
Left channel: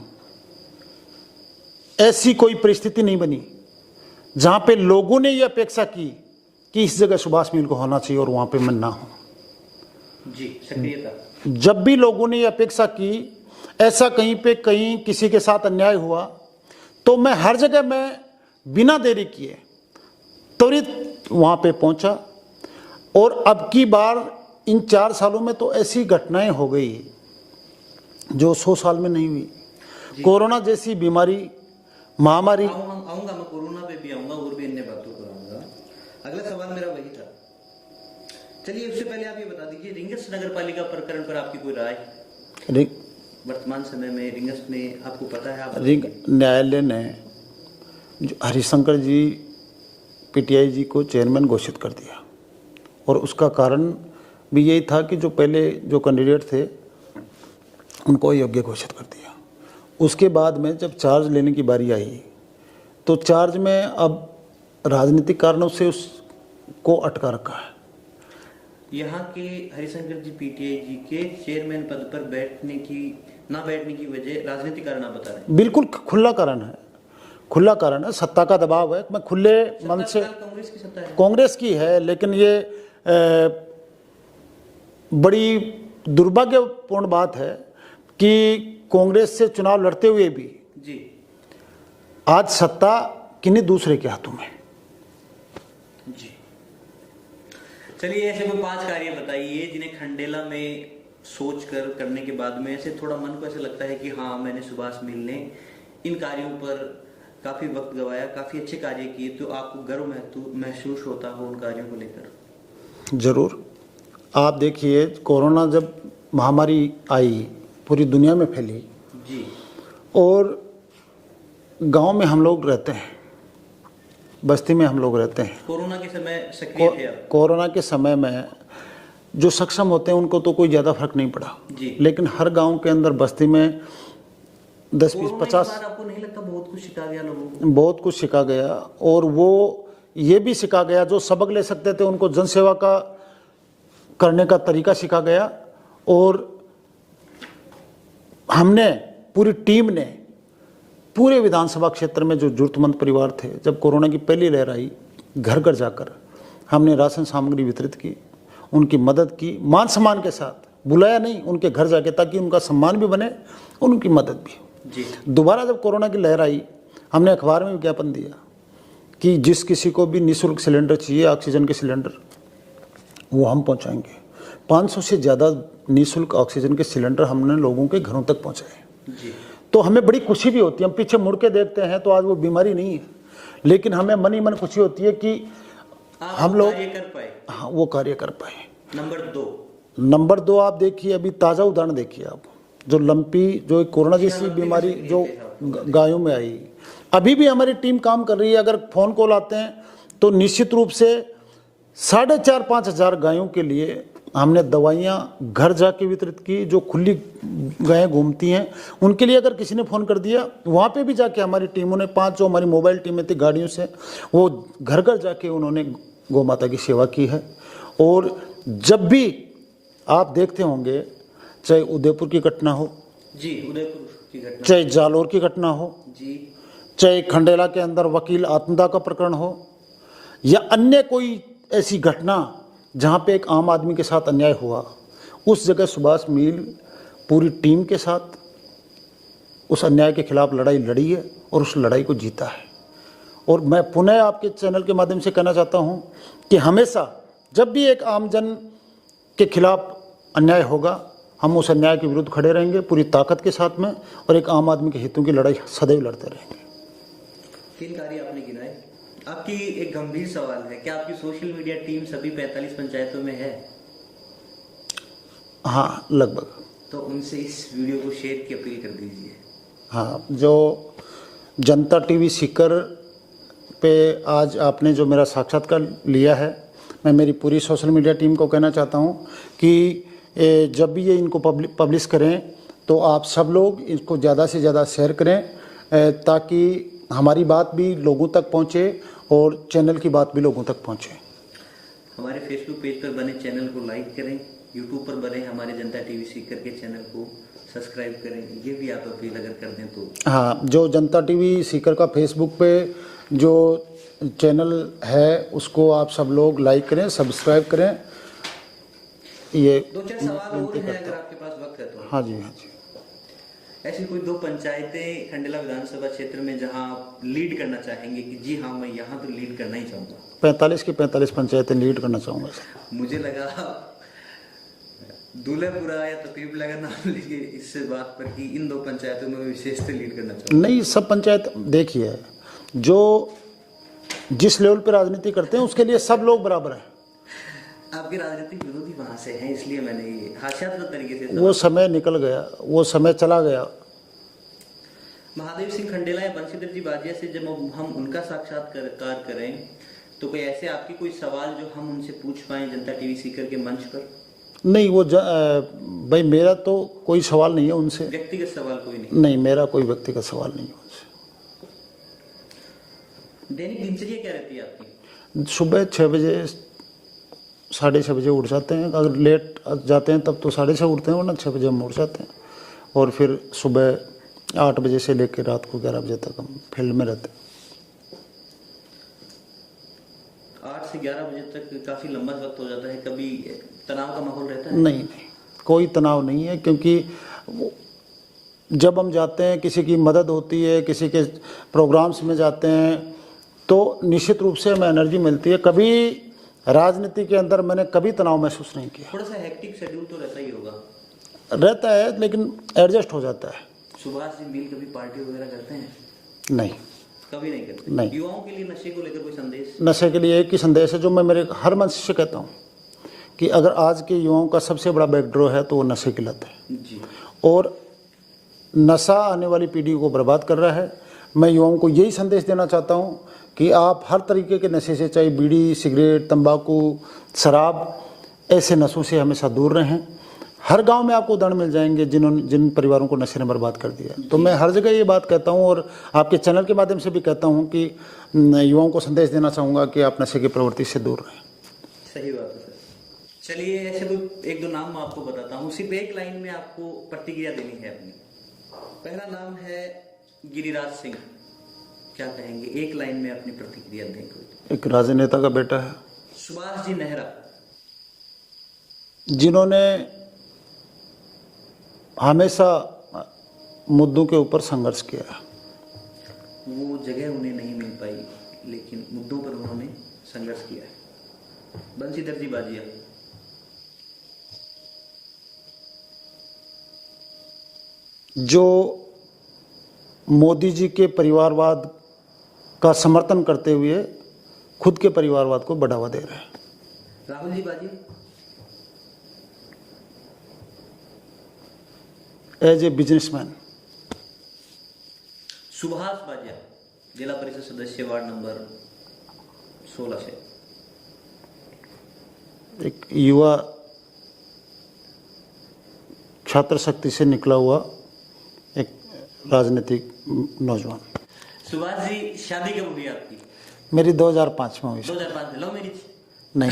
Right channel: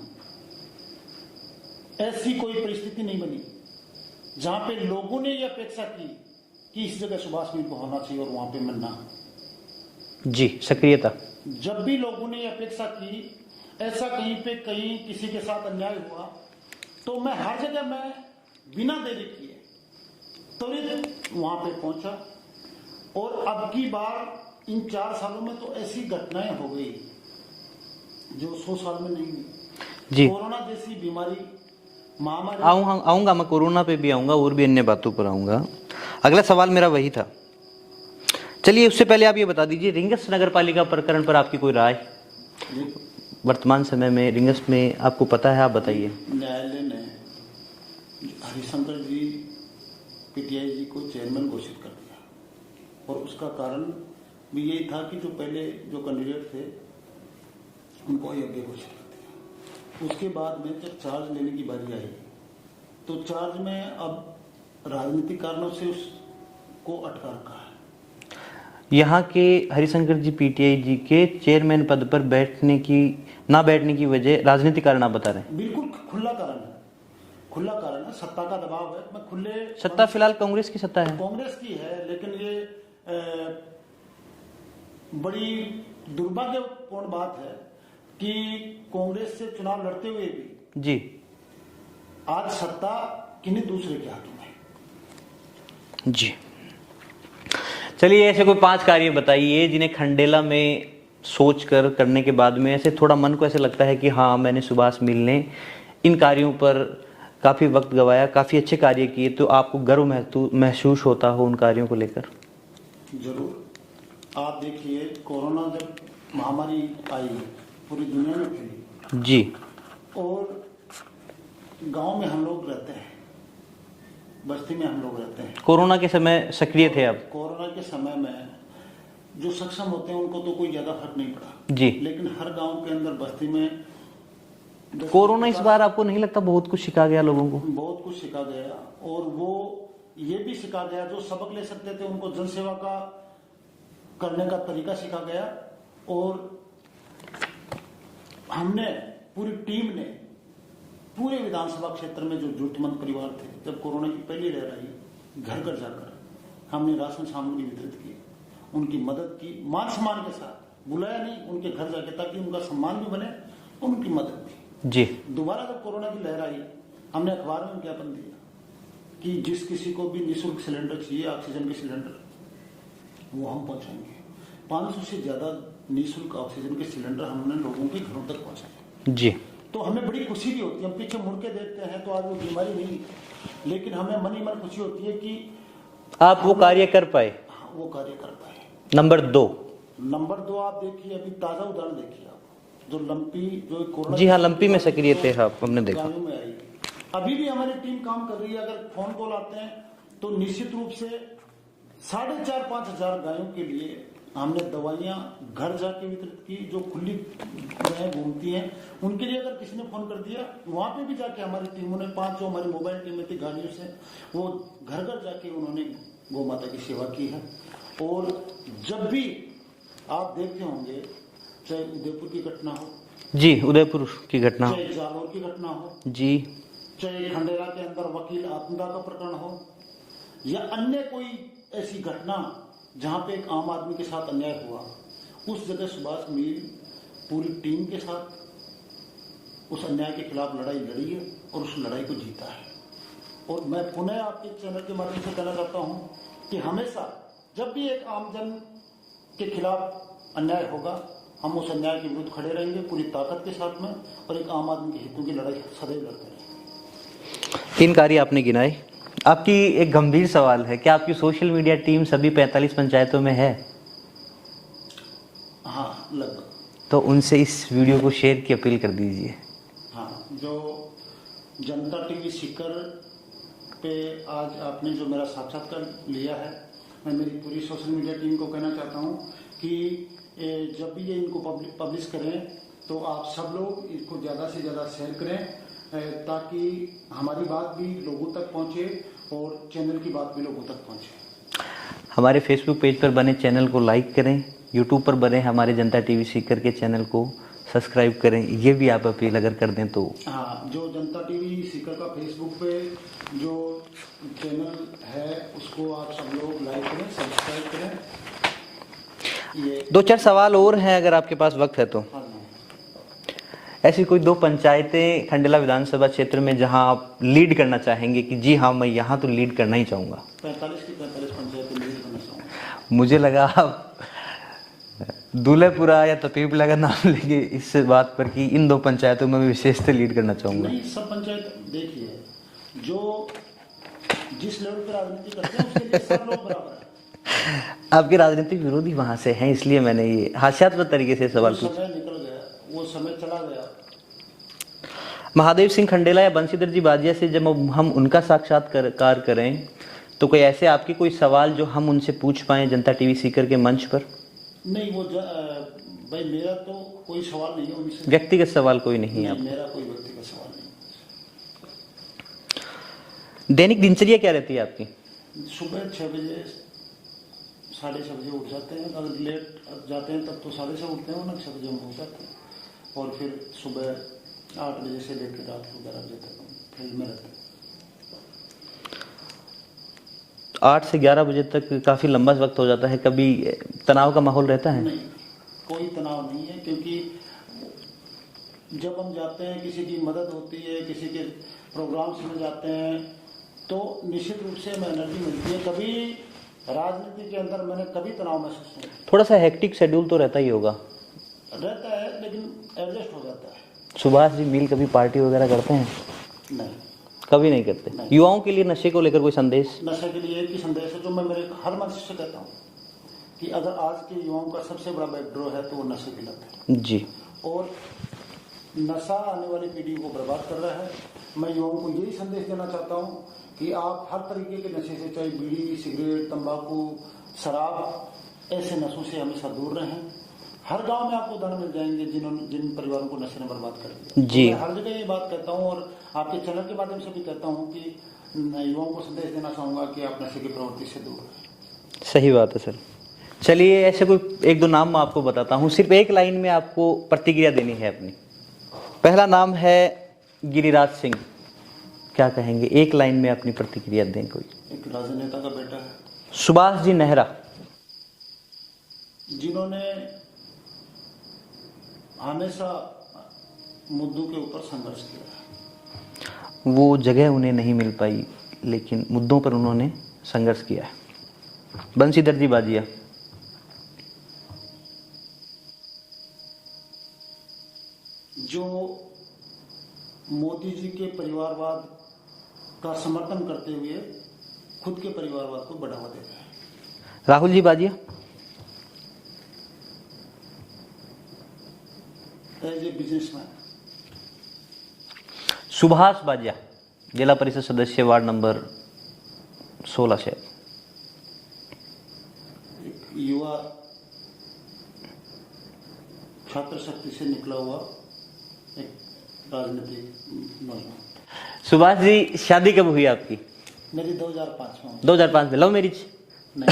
ऐसी कोई परिस्थिति नहीं बनी जहां पे लोगों ने ये अपेक्षा की कि इस जगह सुभाष मिल को होना चाहिए और वहां पे मैं ना हूं। जी, सक्रियता। जब भी लोगों ने ये अपेक्षा की ऐसा कहीं पे कहीं किसी के साथ अन्याय हुआ, तो मैं हर जगह मैं बिना देरी किए त्वरित वहां पे पहुंचा। और अब की बार इन 4 सालों में तो ऐसी घटनाएं हो गई जो 100 साल में नहीं हुई। कोरोना जैसी बीमारी, महामारी। आऊंगा मैं, कोरोना पे भी आऊंगा और भी अन्य बातों पर आऊंगा। अगला सवाल मेरा वही था। चलिए, उससे पहले आप ये बता दीजिए, रिंगस नगर पालिका प्रकरण पर आपकी कोई राय? वर्तमान समय में रिंगस में आपको पता है, आप बताइए। न्यायालय ने हरिशंकर जी पीटीआई जी को चेयरमैन घोषित कर दिया, और उसका कारण भी यही था कि जो पहले जो कैंडिडेट थे उनको योग्य घोषित कर दिया। उसके बाद में जब चार्ज लेने की बारी आई, तो चार्ज में अब राजनीतिक कारणों से उसको अटका रखा है। यहाँ के हरिशंकर जी पीटीआई जी के चेयरमैन पद पर ना बैठने की वजह राजनीतिक कारण आप बता रहे हैं? बिल्कुल खुला कारण है, खुला कारण है, सत्ता का दबाव है। मैं खुले सत्ता फिलहाल कांग्रेस की सत्ता है, कांग्रेस की है, लेकिन ये बड़ी दुर्भाग्यपूर्ण बात है कि कांग्रेस से चुनाव लड़ते हुए भी जी आज सत्ता किन्हीं दूसरे के हाथों में। जी, चलिए, ऐसे कोई 5 कार्य बताइए जिन्हें खंडेला में सोच कर करने के बाद में ऐसे थोड़ा मन को ऐसे लगता है कि हाँ, मैंने सुभाष मिल ने इन कार्यों पर काफ़ी वक्त गवाया, काफ़ी अच्छे कार्य किए, तो आपको गर्व महसूस होता हो उन कार्यों को लेकर? जरूर। आप देखिए, कोरोना जब महामारी आई, पूरी दुनिया में फैली जी, और गांव में हम लोग रहते हैं, बस्ती में हम लोग रहते हैं। कोरोना के समय सक्रिय थे आप? कोरोना के समय में जो सक्षम होते हैं उनको तो कोई ज़्यादा फर्क नहीं पड़ा जी, लेकिन हर गांव के अंदर बस्ती में 10 कोरोना इस बार आपको नहीं लगता बहुत कुछ सिखा गया लोगों को? बहुत कुछ सिखा गया, और वो ये भी सिखा गया जो सबक ले सकते थे उनको जनसेवा का करने का तरीका सिखा गया। और हमने, पूरी टीम ने, पूरे विधानसभा क्षेत्र में जो जरूरतमंद परिवार थे, जब कोरोना की पहली लहर आई, घर घर जाकर हमने राशन सामग्री वितरित की, उनकी मदद की, मान सम्मान के साथ। बुलाया नहीं, उनके घर जाके, ताकि उनका सम्मान भी बने और उनकी मदद भी। जी, दोबारा जब कोरोना की लहर आई, हमने अखबार में विज्ञापन दिया कि जिस किसी को भी निःशुल्क सिलेंडर चाहिए, ऑक्सीजन के सिलेंडर, वो हम पहुंचाएंगे। 500 से ज़्यादा निःशुल्क ऑक्सीजन के सिलेंडर हमने लोगों के घरों तक पहुंचाए। जी, तो हमें बड़ी खुशी भी होती है। हम पीछे मुड़ के देखते हैं तो आज वो बीमारी नहीं है, लेकिन हमें मन ही मन खुशी होती है कि आप हम वो लोग कार्य कर पाए। हाँ वो कार्य कर पाए। नंबर 2, आप देखिए, अभी ताज़ा उदाहरण देखिए आप, जो लंपी जो कोरोना जी हाँ, जैसी लंपी में बीमारी सक्रिय जो थे आप, हमने देखा। गायों में आई, अभी भी हमारी टीम काम कर रही है। अगर फोन कॉल आते हैं तो निश्चित रूप से 4,500-5 हज़ार गायों के लिए हमने दवाइयाँ घर जाके वितरित की। जो खुली गायें घूमती हैं उनके लिए अगर किसी ने फ़ोन कर दिया, वहाँ पे भी जाके हमारी टीमों ने 5 जो हमारी मोबाइल टीमें थी गाड़ियों से, वो घर घर जाके उन्होंने गौ माता की सेवा की है। और जब भी आप देखते होंगे, चाहे उदयपुर की घटना हो, जी उदयपुर की घटना, चाहे जालोर की घटना हो, जी, चाहे खंडेला के अंदर वकील आत्मदाह का प्रकरण हो, या अन्य कोई ऐसी घटना जहाँ पे एक आम आदमी के साथ अन्याय हुआ, उस जगह सुभाष मील पूरी टीम के साथ उस अन्याय के खिलाफ लड़ाई लड़ी है और उस लड़ाई को जीता है। और मैं पुनः आपके चैनल के माध्यम से कहना चाहता हूँ कि हमेशा जब भी एक आमजन के खिलाफ अन्याय होगा, हम उस अन्याय के विरुद्ध खड़े रहेंगे पूरी ताकत के साथ में, और एक आम आदमी के हितों की लड़ाई सदैव लड़ते रहेंगे। 3 कार्य आपने गिनाए। आपकी एक गंभीर सवाल है, क्या आपकी सोशल मीडिया टीम सभी 45 पंचायतों में है? हाँ, लगभग। तो उनसे इस वीडियो को शेयर की अपील कर दीजिए। हाँ, जो जनता टीवी सीकर पे आज आपने जो मेरा साक्षात्कार लिया है, मैं मेरी पूरी सोशल मीडिया टीम को कहना चाहता हूँ कि जब भी ये इनको पब्लिश करें तो आप सब लोग इसको ज़्यादा से ज़्यादा शेयर करें, ताकि हमारी बात भी लोगों तक पहुँचे और चैनल की बात भी लोगों तक पहुँचे। हमारे फेसबुक पेज पर बने चैनल को लाइक करें, यूट्यूब पर बने हमारे जनता टीवी सीकर के चैनल को सब्सक्राइब करें। ये भी आप अपील अगर कर दें तो। हाँ, जो जनता टीवी सीकर का फेसबुक पे जो चैनल है उसको आप सब लोग लाइक करें, सब्सक्राइब करें। ये 2-4 सवाल और हैं अगर आपके पास वक्त है तो। हाँ जी, हाँ जी। ऐसी कोई 2 पंचायतें खंडेला विधानसभा क्षेत्र में जहां आप लीड करना चाहेंगे कि जी हाँ मैं यहाँ तो लीड करना ही चाहूँगा? 45 की 45 पंचायतें लीड करना चाहूँगा। मुझे लगा आप दूल्हेपुरा या तपीबला का नाम लेंगे इस बात पर कि इन 2 पंचायतों में विशेष से लीड करना चाहूँगा। नहीं, सब पंचायत देखिए, जो जिस लेवल पे राजनीति करते हैं उसके लिए सब लोग बराबर हैं। आपके राजनीतिक विरोधी वहां से हैं, इसलिए मैंने ये हास्यास्पद तरीके से सवाल। वो समय निकल गया, वो समय चला गया। महादेव सिंह खंडेला या बंशीधर जी बाजिया से जब हम उनका साक्षात्कार करें तो कोई ऐसे आपके कोई सवाल जो हम उनसे पूछ पाएं जनता टीवी सीकर के मंच पर? नहीं, वो भाई मेरा तो कोई सवाल नहीं है उनसे। व्यक्तिगत सवाल कोई नहीं? नहीं, मेरा कोई व्यक्तिगत सवाल नहीं है उनसे। दैनिक दिनचर्या क्या रहती है आपकी? सुबह 6 बजे 6:30 बजे उठ जाते हैं। अगर लेट जाते हैं तब तो 6:30 उठते हैं, वरना 6 बजे हम उठ जाते हैं। और फिर सुबह 8 बजे से लेकर रात को 11 बजे तक हम फील्ड में रहते हैं। 8 से 11 बजे तक काफ़ी लंबा वक्त हो जाता है। कभी तनाव का माहौल रहता है? नहीं, कोई तनाव नहीं है, क्योंकि जब हम जाते हैं, किसी की मदद होती है, किसी के प्रोग्राम्स में जाते हैं, तो निश्चित रूप से हमें एनर्जी मिलती है। कभी राजनीति के अंदर मैंने कभी तनाव महसूस नहीं किया। थोड़ा सा हेक्टिक शेड्यूल तो रहता ही होगा? रहता है, लेकिन एडजस्ट हो जाता है। सुभाष जी मील कभी पार्टी वगैरह करते हैं? नहीं, कभी नहीं करते? नहीं। युवाओं के लिए नशे को लेकर कोई संदेश? नशे के लिए एक ही संदेश है जो मैं मेरे हर मंच से कहता हूँ कि अगर आज के युवाओं का सबसे बड़ा बैकडोर है तो वो नशे की लत है जी। और नशा आने वाली पीढ़ी को बर्बाद कर रहा है। मैं युवाओं को यही संदेश देना चाहता हूँ कि आप हर तरीके के नशे से, चाहे बीड़ी, सिगरेट, तंबाकू, शराब, ऐसे नशों से हमेशा दूर रहें। हर गांव में आपको उदाहरण मिल जाएंगे जिन परिवारों को नशे ने बर्बाद कर दिया। तो मैं हर जगह ये बात कहता हूँ और आपके चैनल के माध्यम से भी कहता हूँ कि युवाओं को संदेश देना चाहूँगा कि आप नशे की प्रवृत्ति से दूर रहें। सही बात है सर। चलिए, ऐसे कोई 1-2 नाम मैं आपको बताता हूँ, सिर्फ एक लाइन में आपको प्रतिक्रिया देनी है अपनी। पहला नाम है गिरिराज सिंह। क्या कहेंगे? एक लाइन में अपनी प्रतिक्रिया दें कोई। एक राजनेता का बेटा है। सुभाष जी नेहरा, जिन्होंने हमेशा मुद्दों के ऊपर संघर्ष किया है। वो जगह उन्हें नहीं मिल पाई लेकिन मुद्दों पर उन्होंने संघर्ष किया है। बंशीधर जी बाजिया, जो मोदी जी के परिवारवाद का समर्थन करते हुए खुद के परिवारवाद को बढ़ावा दे रहे हैं। राहुल जी बाजिया, एज ए बिजनेसमैन। सुभाष बाजिया, जिला परिषद सदस्य, वार्ड नंबर 16 से। एक युवा छात्र शक्ति से निकला हुआ एक राजनीतिक नौजवान। सुभाष जी, शादी कब हुई आपकी? मेरी 2005 में हुई। 2005 में। Love marriage? नहीं,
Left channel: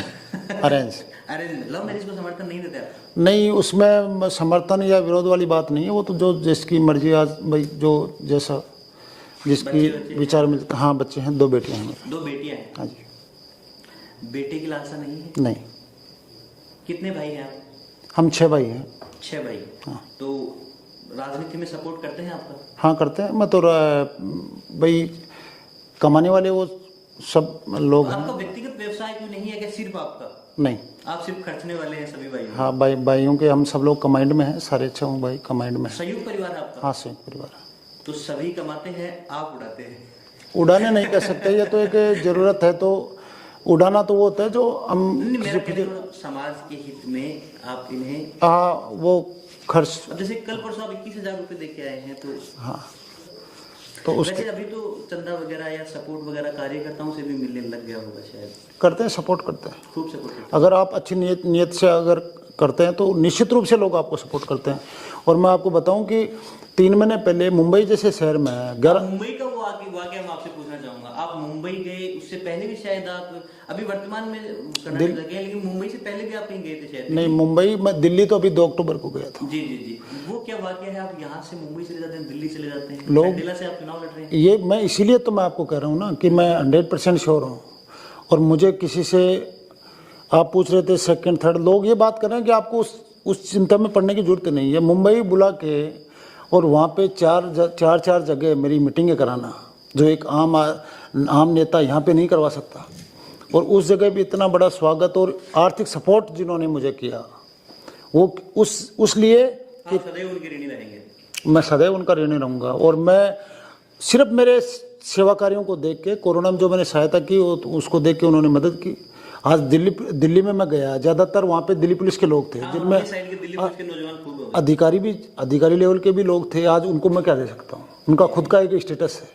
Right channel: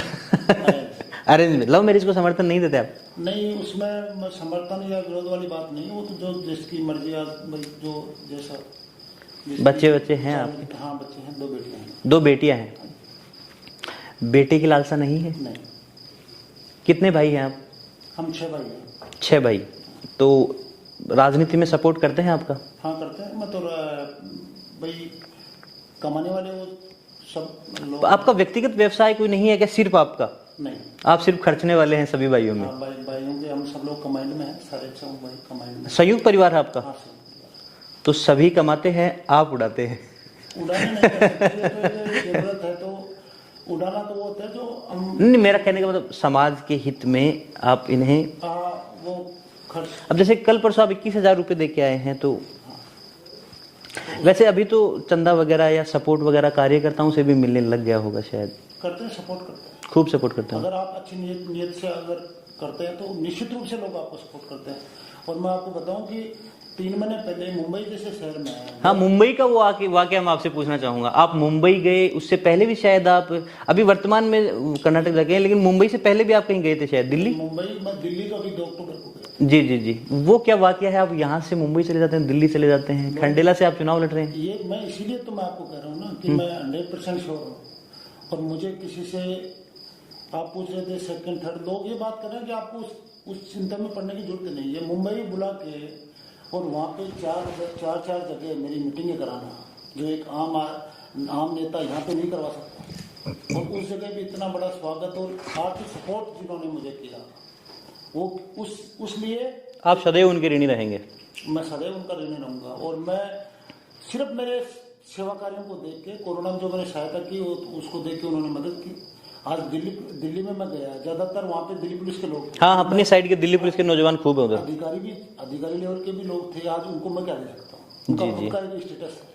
अरेंज। अरेंज में। लव मैरिज को समर्थन नहीं देते आप? नहीं, उसमें समर्थन या विरोध वाली बात नहीं है, वो तो जो जिसकी मर्जी। आज भाई जो जैसा बच्चे विचार में। हाँ, बच्चे हैं, 2 बेटियां हैं। 2 बेटियां हैं? हाँ जी। बेटे की लालसा नहीं है? नहीं। कितने भाई हैं आप? हम 6 भाई हैं। 6 भाई। तो राजनीति में सपोर्ट करते हैं आपका? हाँ, करते हैं। मैं तो भाई कमाने वाले वो सब लोग। आपका व्यक्तिगत व्यवसाय कोई नहीं है क्या, सिर्फ आपका? नहीं, आप सिर्फ खर्चने वाले हैं सभी भाइयों में? हाँ, भाइयों के हम सब लोग कमांड में हैं, सारे 6 भाई कमांड में। संयुक्त परिवार है आपका? हाँ, संयुक्त परिवार। तो सभी कमाते हैं, आप उड़ाते हैं? उड़ाने नहीं कर सकते, ये तो एक जरूरत है। तो उड़ाना तो वो होता है जो हम। नहीं, मेरा कहने का मतलब समाज के हित में आप इन्हें वो खर्च। अब जैसे कल परसों आप 21,000 रुपये दे के आए हैं, तो हाँ, तो वैसे अभी तो चंदा वगैरह या सपोर्ट वगैरह कार्यकर्ताओं से भी मिलने लग गया होगा शायद? करते हैं, सपोर्ट करते हैं, खूब सपोर्ट करते हैं। अगर आप अच्छी नीयत से अगर करते हैं तो निश्चित रूप से लोग आपको सपोर्ट करते हैं। और मैं आपको बताऊं कि 3 महीने पहले मुंबई जैसे शहर में। हाँ, मुंबई का वो वाकया मैं आपसे पूछना चाहूंगा। आप मुंबई गए, उससे पहले भी शायद आप अभी वर्तमान में कर्नाटक लगे हैं, लेकिन मुंबई से पहले भी आप कहीं गए थे शायद? नहीं, मुंबई मैं दिल्ली तो अभी 2 अक्टूबर को गया था। जी जी जी। वो क्या वाकया है, आप यहाँ से मुंबई चले जाते हैं, दिल्ली चले जाते हैं, खंडेला से आप चुनाव लड़ रहे हैं? ये मैं इसीलिए तो मैं आपको कह रहा हूँ ना कि मैं 100% श्योर हूँ। और मुझे किसी से आप पूछ रहे थे सेकंड थर्ड, लोग ये बात कर रहे हैं कि आपको उस चिंता में पड़ने की जरूरत नहीं है। मुंबई बुला के और वहाँ पे 4 जगह मेरी मीटिंगें कराना, जो एक आम नेता यहाँ पे नहीं करवा सकता। और उस जगह भी इतना बड़ा स्वागत और आर्थिक सपोर्ट जिन्होंने मुझे किया, वो उस लिए आप सदैव उनके ऋणी रहेंगे? मैं सदैव उनका ऋणी रहूँगा। और मैं सिर्फ मेरे सेवा कार्यों को देख के, कोरोना में जो मैंने सहायता की उसको देख के उन्होंने मदद की। आज दिल्ली में मैं गया, ज़्यादातर वहाँ पे दिल्ली पुलिस के लोग थे। हाँ, अपने साइड के दिल्ली पुलिस के नौजवान खूब हैं। अधिकारी लेवल के भी लोग थे। आज उनको मैं क्या दे सकता हूँ, उनका खुद का एक स्टेटस है।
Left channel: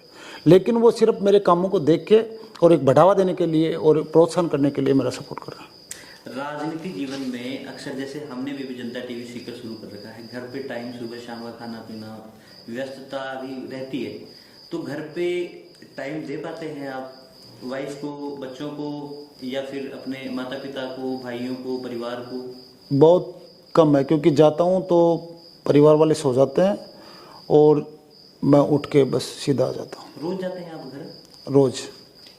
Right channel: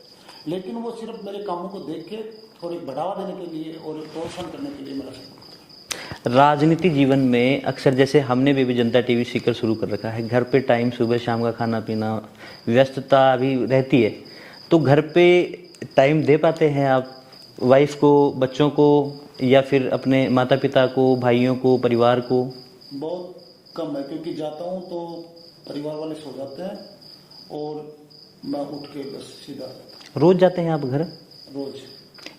लेकिन वो सिर्फ मेरे कामों को देख के और एक बढ़ावा देने के लिए और प्रोत्साहन करने के लिए मेरा सपोर्ट कर रहे हैं। राजनीति जीवन में अक्सर, जैसे हमने भी जनता टीवी सीकर शुरू कर रखा है, घर पे टाइम सुबह शाम का खाना पीना, व्यस्तता अभी रहती है, तो घर पे टाइम दे पाते हैं आप वाइफ को, बच्चों को, या फिर अपने माता पिता को, भाइयों को, परिवार को? बहुत कम है, क्योंकि जाता हूँ तो परिवार वाले सो जाते हैं और मैं उठ के बस सीधा आ जाता हूँ। रोज जाते हैं आप घर? रोज।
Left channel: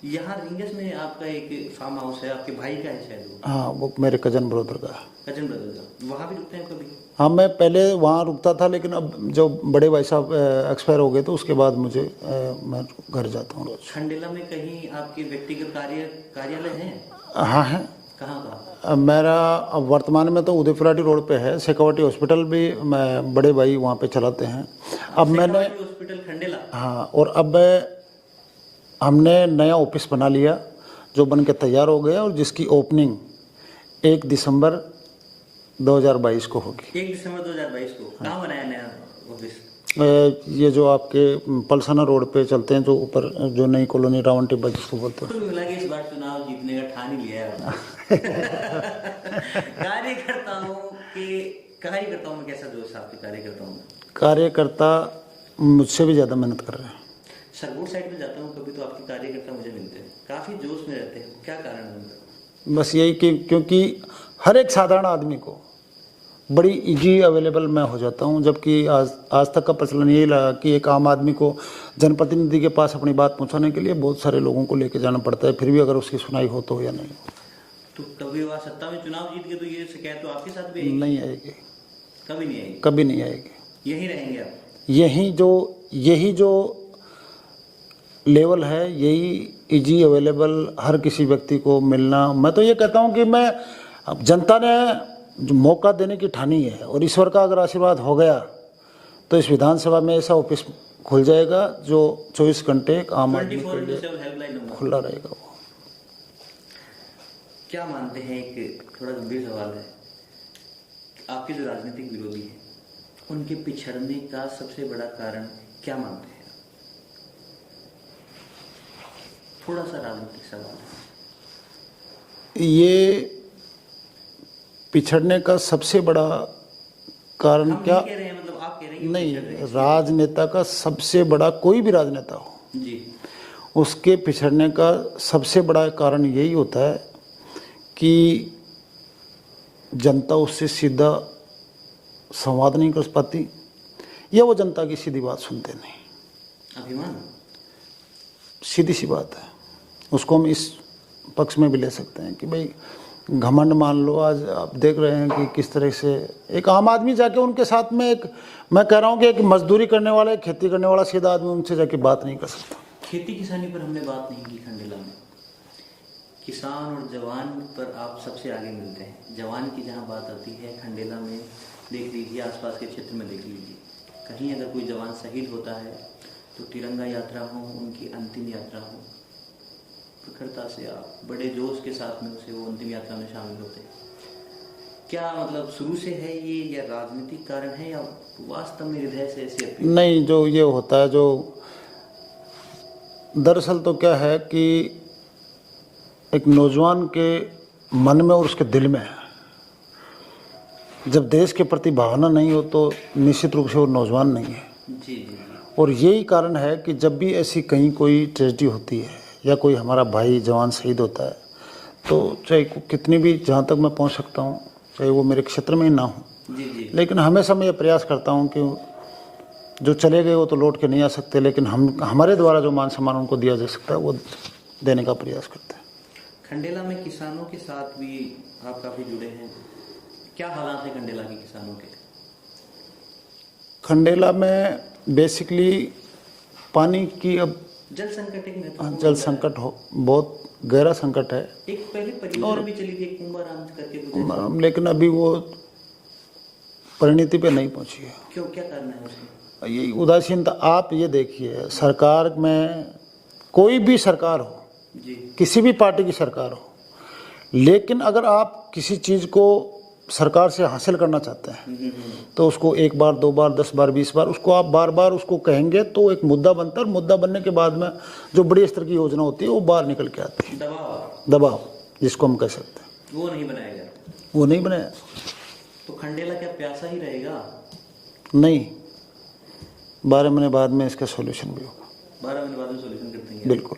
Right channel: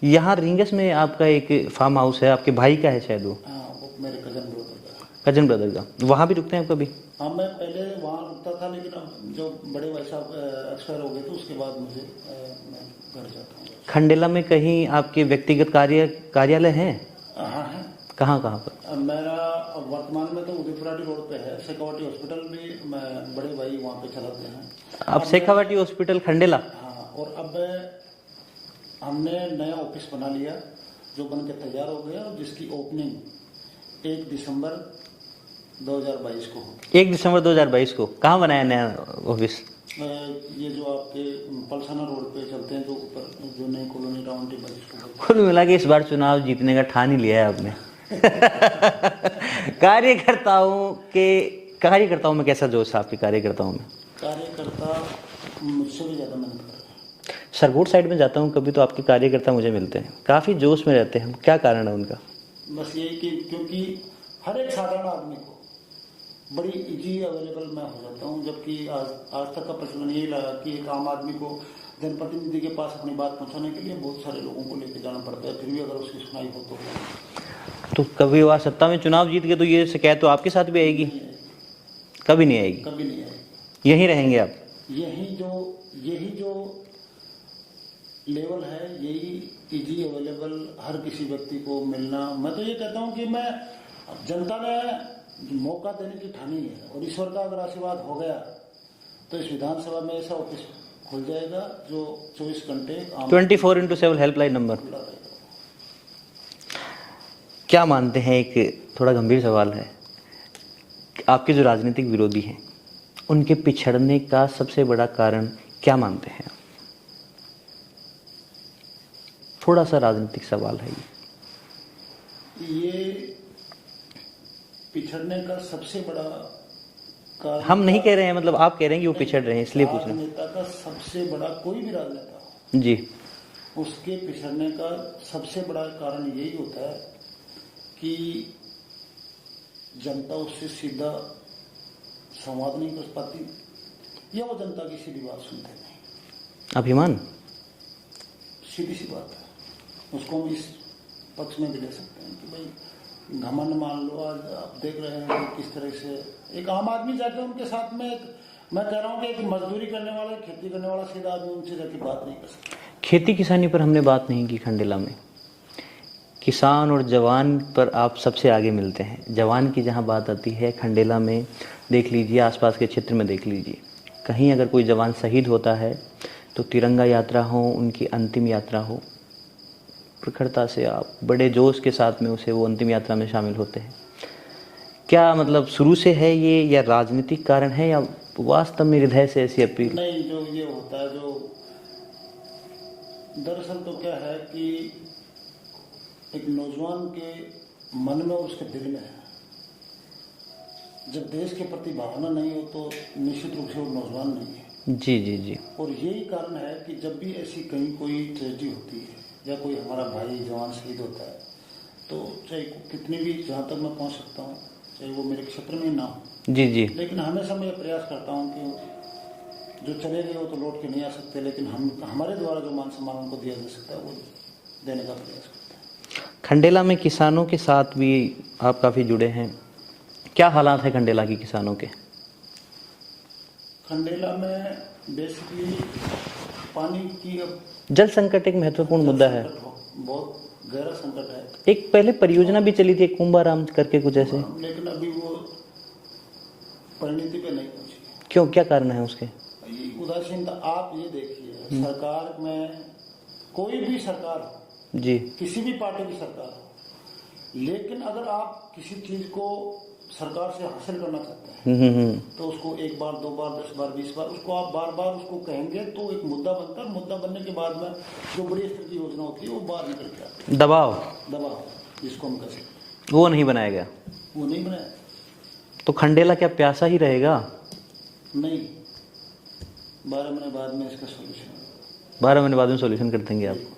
यहाँ रिंगस में आपका एक फार्म हाउस है, आपके भाई का है शायद वो? हाँ, वो मेरे कजन ब्रदर का है। कजन ब्रदर का? वहाँ भी रुकते हैं कभी? हाँ, मैं पहले वहाँ रुकता था, लेकिन अब जो बड़े भाई साहब एक्सपायर हो गए तो उसके बाद मुझे मैं घर जाता हूँ। खंडेला में कहीं आपके व्यक्तिगत कार्यालय हैं? हाँ है। कहाँ पर? मेरा अब वर्तमान में तो उदयपुराटी रोड पे है। शेखावटी हॉस्पिटल भी मैं बड़े भाई वहाँ पे चलाते हैं। अब शेखावटी हॉस्पिटल खंडेला? हाँ, और अब हमने नया ऑफिस बना लिया जो बन के तैयार हो गया और जिसकी ओपनिंग 1 दिसंबर 2022 को होगी। 1 दिसंबर 2022 को? कहाँ बनाया नया ऑफिस? ये जो आपके पलसाना रोड पे चलते हैं, जो ऊपर जो नई कॉलोनी रावण टिब्बा जिसको बोलते हैं। कुल मिला के इस बार चुनाव जीतने का ठान ही लिया है आपने। कार्यकर्ताओं में कैसा जोश है आपके कार्यकर्ताओं में? कार्यकर्ता मुझसे भी ज़्यादा मेहनत कर रहे हैं। सरगोट साइड में जाता हूँ कभी तो आपके कार्यकर्ता मुझे मिलते हैं, काफ़ी जोश में रहते हैं। क्या कारण है उनका? बस यही कि क्योंकि हर एक साधारण आदमी को बड़ी इजी अवेलेबल मैं हो जाता हूँ, जबकि आज तक का प्रचलन यही रहा कि एक आम आदमी को जनप्रतिनिधि के पास अपनी बात पहुँचाने के लिए बहुत सारे लोगों को लेके जाना पड़ता है, फिर भी अगर उसकी सुनाई हो तो या नहीं। तो कभी वह सत्ता में चुनाव जीत गए तो ये शिकायत तो आपके साथ भी आएगी? नहीं आएगी, कभी नहीं आएगी? कभी नहीं आएगी। यहीं रहेंगे आप? यही जो लेवल है, यही इजी अवेलेबल हर किसी व्यक्ति को मिलना। मैं तो ये कहता हूँ कि मैं अब जनता ने जो मौका देने की ठानी है और ईश्वर का अगर आशीर्वाद हो गया तो इस विधानसभा में ऐसा ऑफिस खुल जाएगा, जो 24 घंटे आम 24/7 हेल्पलाइन नंबर खुला रहेगा वो। क्या मानते हैं, एक थोड़ा गंभीर सवाल है, आपके जो राजनीतिक विरोधी हैं उनके पिछड़ने का सबसे बड़ा कारण क्या मानते हैं? थोड़ा सा राजनीतिक सवाल है ये पिछड़ने का सबसे बड़ा कारण हम नहीं कह रहे हैं, मतलब आप कह रहे हैं कि वो पिछड़ रहे हैं इसलिए राजनेता का सबसे बड़ा, कोई भी राजनेता हो जी, उसके पिछड़ने का सबसे बड़ा कारण यही होता है कि जनता उससे सीधा संवाद नहीं कर पाती, या वो जनता की सीधी बात सुनते नहीं। अभिमान, सीधी सी बात है। उसको हम इस पक्ष में भी ले सकते हैं कि भाई घमंड मान लो। आज आप देख रहे हैं कि किस तरह से एक आम आदमी जाके उनके साथ में, एक मैं कह रहा हूँ कि एक मजदूरी करने वाला, एक खेती करने वाला सीधा आदमी उनसे जाके बात नहीं कर सकता। खेती किसानी पर हमने बात नहीं की खंडेला में। किसान और जवान पर आप सबसे आगे मिलते हैं। जवान की जहाँ बात आती है खंडेला में, देख लीजिए आसपास के क्षेत्र में देख लीजिए, कहीं अगर कोई जवान शहीद होता है तो तिरंगा यात्रा हो, उनकी अंतिम यात्रा हो, प्रखरता से आप बड़े जोश के साथ में उसे वो अंतिम यात्रा में शामिल होते हैं। क्या मतलब शुरू से है ये, या राजनीतिक कारण है, या वास्तव में हृदय से ऐसी अपील? नहीं, जो ये होता है, जो दरअसल तो क्या है कि एक नौजवान के मन में और उसके दिल में है, जब देश के प्रति भावना नहीं हो तो निश्चित रूप से वो नौजवान नहीं है। जी जी जी। और यही कारण है कि जब भी ऐसी कहीं कोई ट्रेजेडी होती है या कोई हमारा भाई जवान शहीद होता है, तो चाहे कितनी भी, जहाँ तक मैं पहुँच सकता हूँ, चाहे वो मेरे क्षेत्र में ही ना हो, जी जी, लेकिन हमेशा मैं ये प्रयास करता हूँ कि जो चले गए वो तो लौट के नहीं आ सकते, लेकिन हमारे द्वारा जो मान सम्मान उनको दिया जा सकता है वो देने का प्रयास करते हैं। खंडेला में किसानों के साथ भी आप काफ़ी जुड़े हैं, क्या हालात है खंडेला के किसानों के? खंडेला में बेसिकली पानी की, अब जल संकट एक महत्वपूर्ण जल मुद्दा है। संकट हो, बहुत गहरा संकट है। एक पहले परियोजना भी चली थी कुंभाराम करके कुछ ऐसे, लेकिन अभी वो परिणति पे नहीं पहुंची है। क्यों, क्या कारण है उसके? ये उदासीनता। आप ये देखिए, सरकार में कोई भी सरकार हो जी, किसी भी पार्टी की सरकार हो, लेकिन अगर आप किसी चीज़ को सरकार से हासिल करना चाहते हैं तो उसको एक बार, दो बार, 10 बार, 20 बार उसको आप बार बार उसको कहेंगे तो एक मुद्दा बनता है, और मुद्दा बनने के बाद में जो बड़ी स्तर की योजना होती है वो बाहर निकल के आती है। दबाव जिसको हम कह सकते हैं, वो नहीं बनाया गया, वो नहीं बनाया। तो खंडेला क्या प्यासा ही रहेगा? नहीं, 12 महीने बाद में इसका सोल्यूशन भी होगा। 12 महीने बाद में सोल्यूशन कर देंगे आप? बिल्कुल।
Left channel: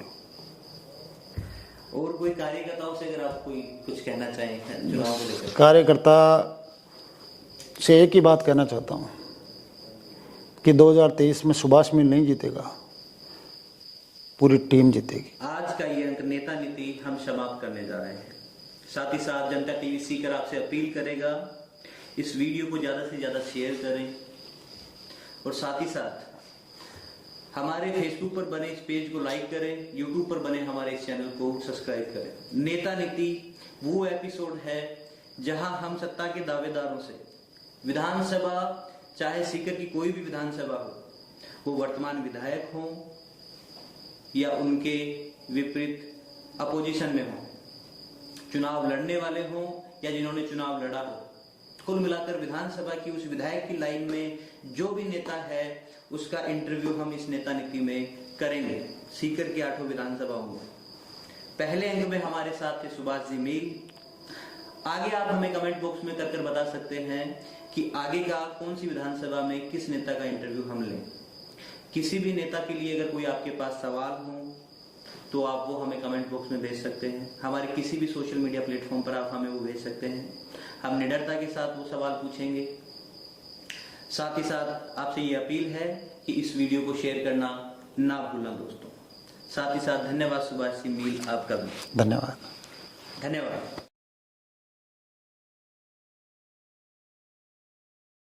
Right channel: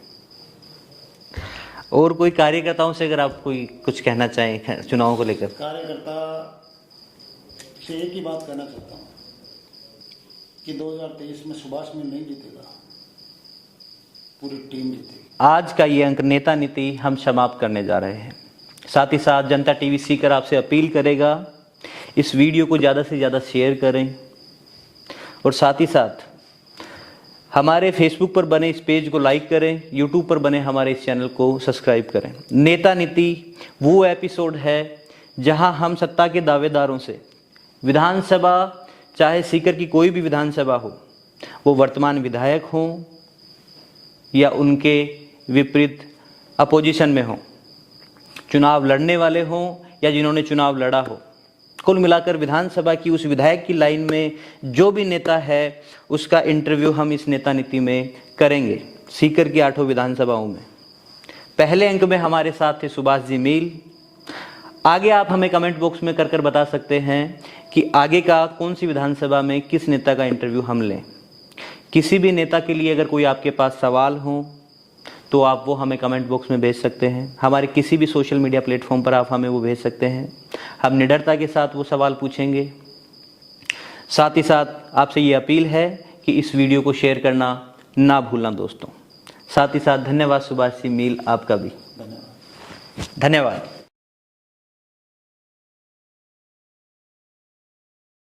और कोई कार्यकर्ताओं से अगर आप कोई कुछ कहना चाहें चुनावों को लेकर? कार्यकर्ता से एक ही बात कहना चाहता हूँ कि 2023 में सुभाष मिल नहीं जीतेगा, पूरी टीम जीतेगी। आज का ये अंक नेता नीति हम समाप्त करने जा रहे हैं। साथ ही साथ जनता टीवी सीकर आपसे अपील करेगा, इस वीडियो को ज़्यादा से ज़्यादा शेयर करें, और साथ ही साथ हमारे फेसबुक पर बने इस पेज को लाइक करें, यूट्यूब पर बने हमारे इस चैनल को सब्सक्राइब करें। नेता नीति वो एपिसोड है जहां हम सत्ता के दावेदारों से, विधानसभा चाहे सीकर की कोई भी विधानसभा हो, वो वर्तमान विधायक हों या उनके विपरीत अपोजिशन में हों, चुनाव लड़ने वाले हों या जिन्होंने चुनाव लड़ा हो, कुल मिलाकर विधानसभा की उस विधायक की लाइन में जो भी नेता है उसका इंटरव्यू हम इस नेता नीति में करेंगे, सीकर की 8 विधानसभाओं में। पहले अंक में हमारे साथ थे सुभाष जी मील। आगे आप हमें कमेंट बॉक्स में कर बता सकते हैं कि आगे का कौन सी विधानसभा में किस नेता का इंटरव्यू हम लें। किसी भी नेता के लिए अगर कोई आपके पास सवाल हो तो आप वो हमें कमेंट बॉक्स में भेज सकते हैं। हमारे किसी भी सोशल मीडिया प्लेटफॉर्म पर आप हमें वो भेज सकते हैं। हम निडरता के साथ वो सवाल पूछेंगे। साथ ही साथ आपसे ये अपील है कि इस वीडियो को शेयर करना ना भूलना दोस्तों। साथ ही साथ धन्यवाद सुभाष सिंह मील, आपका भी धन्यवाद। धन्यवाद।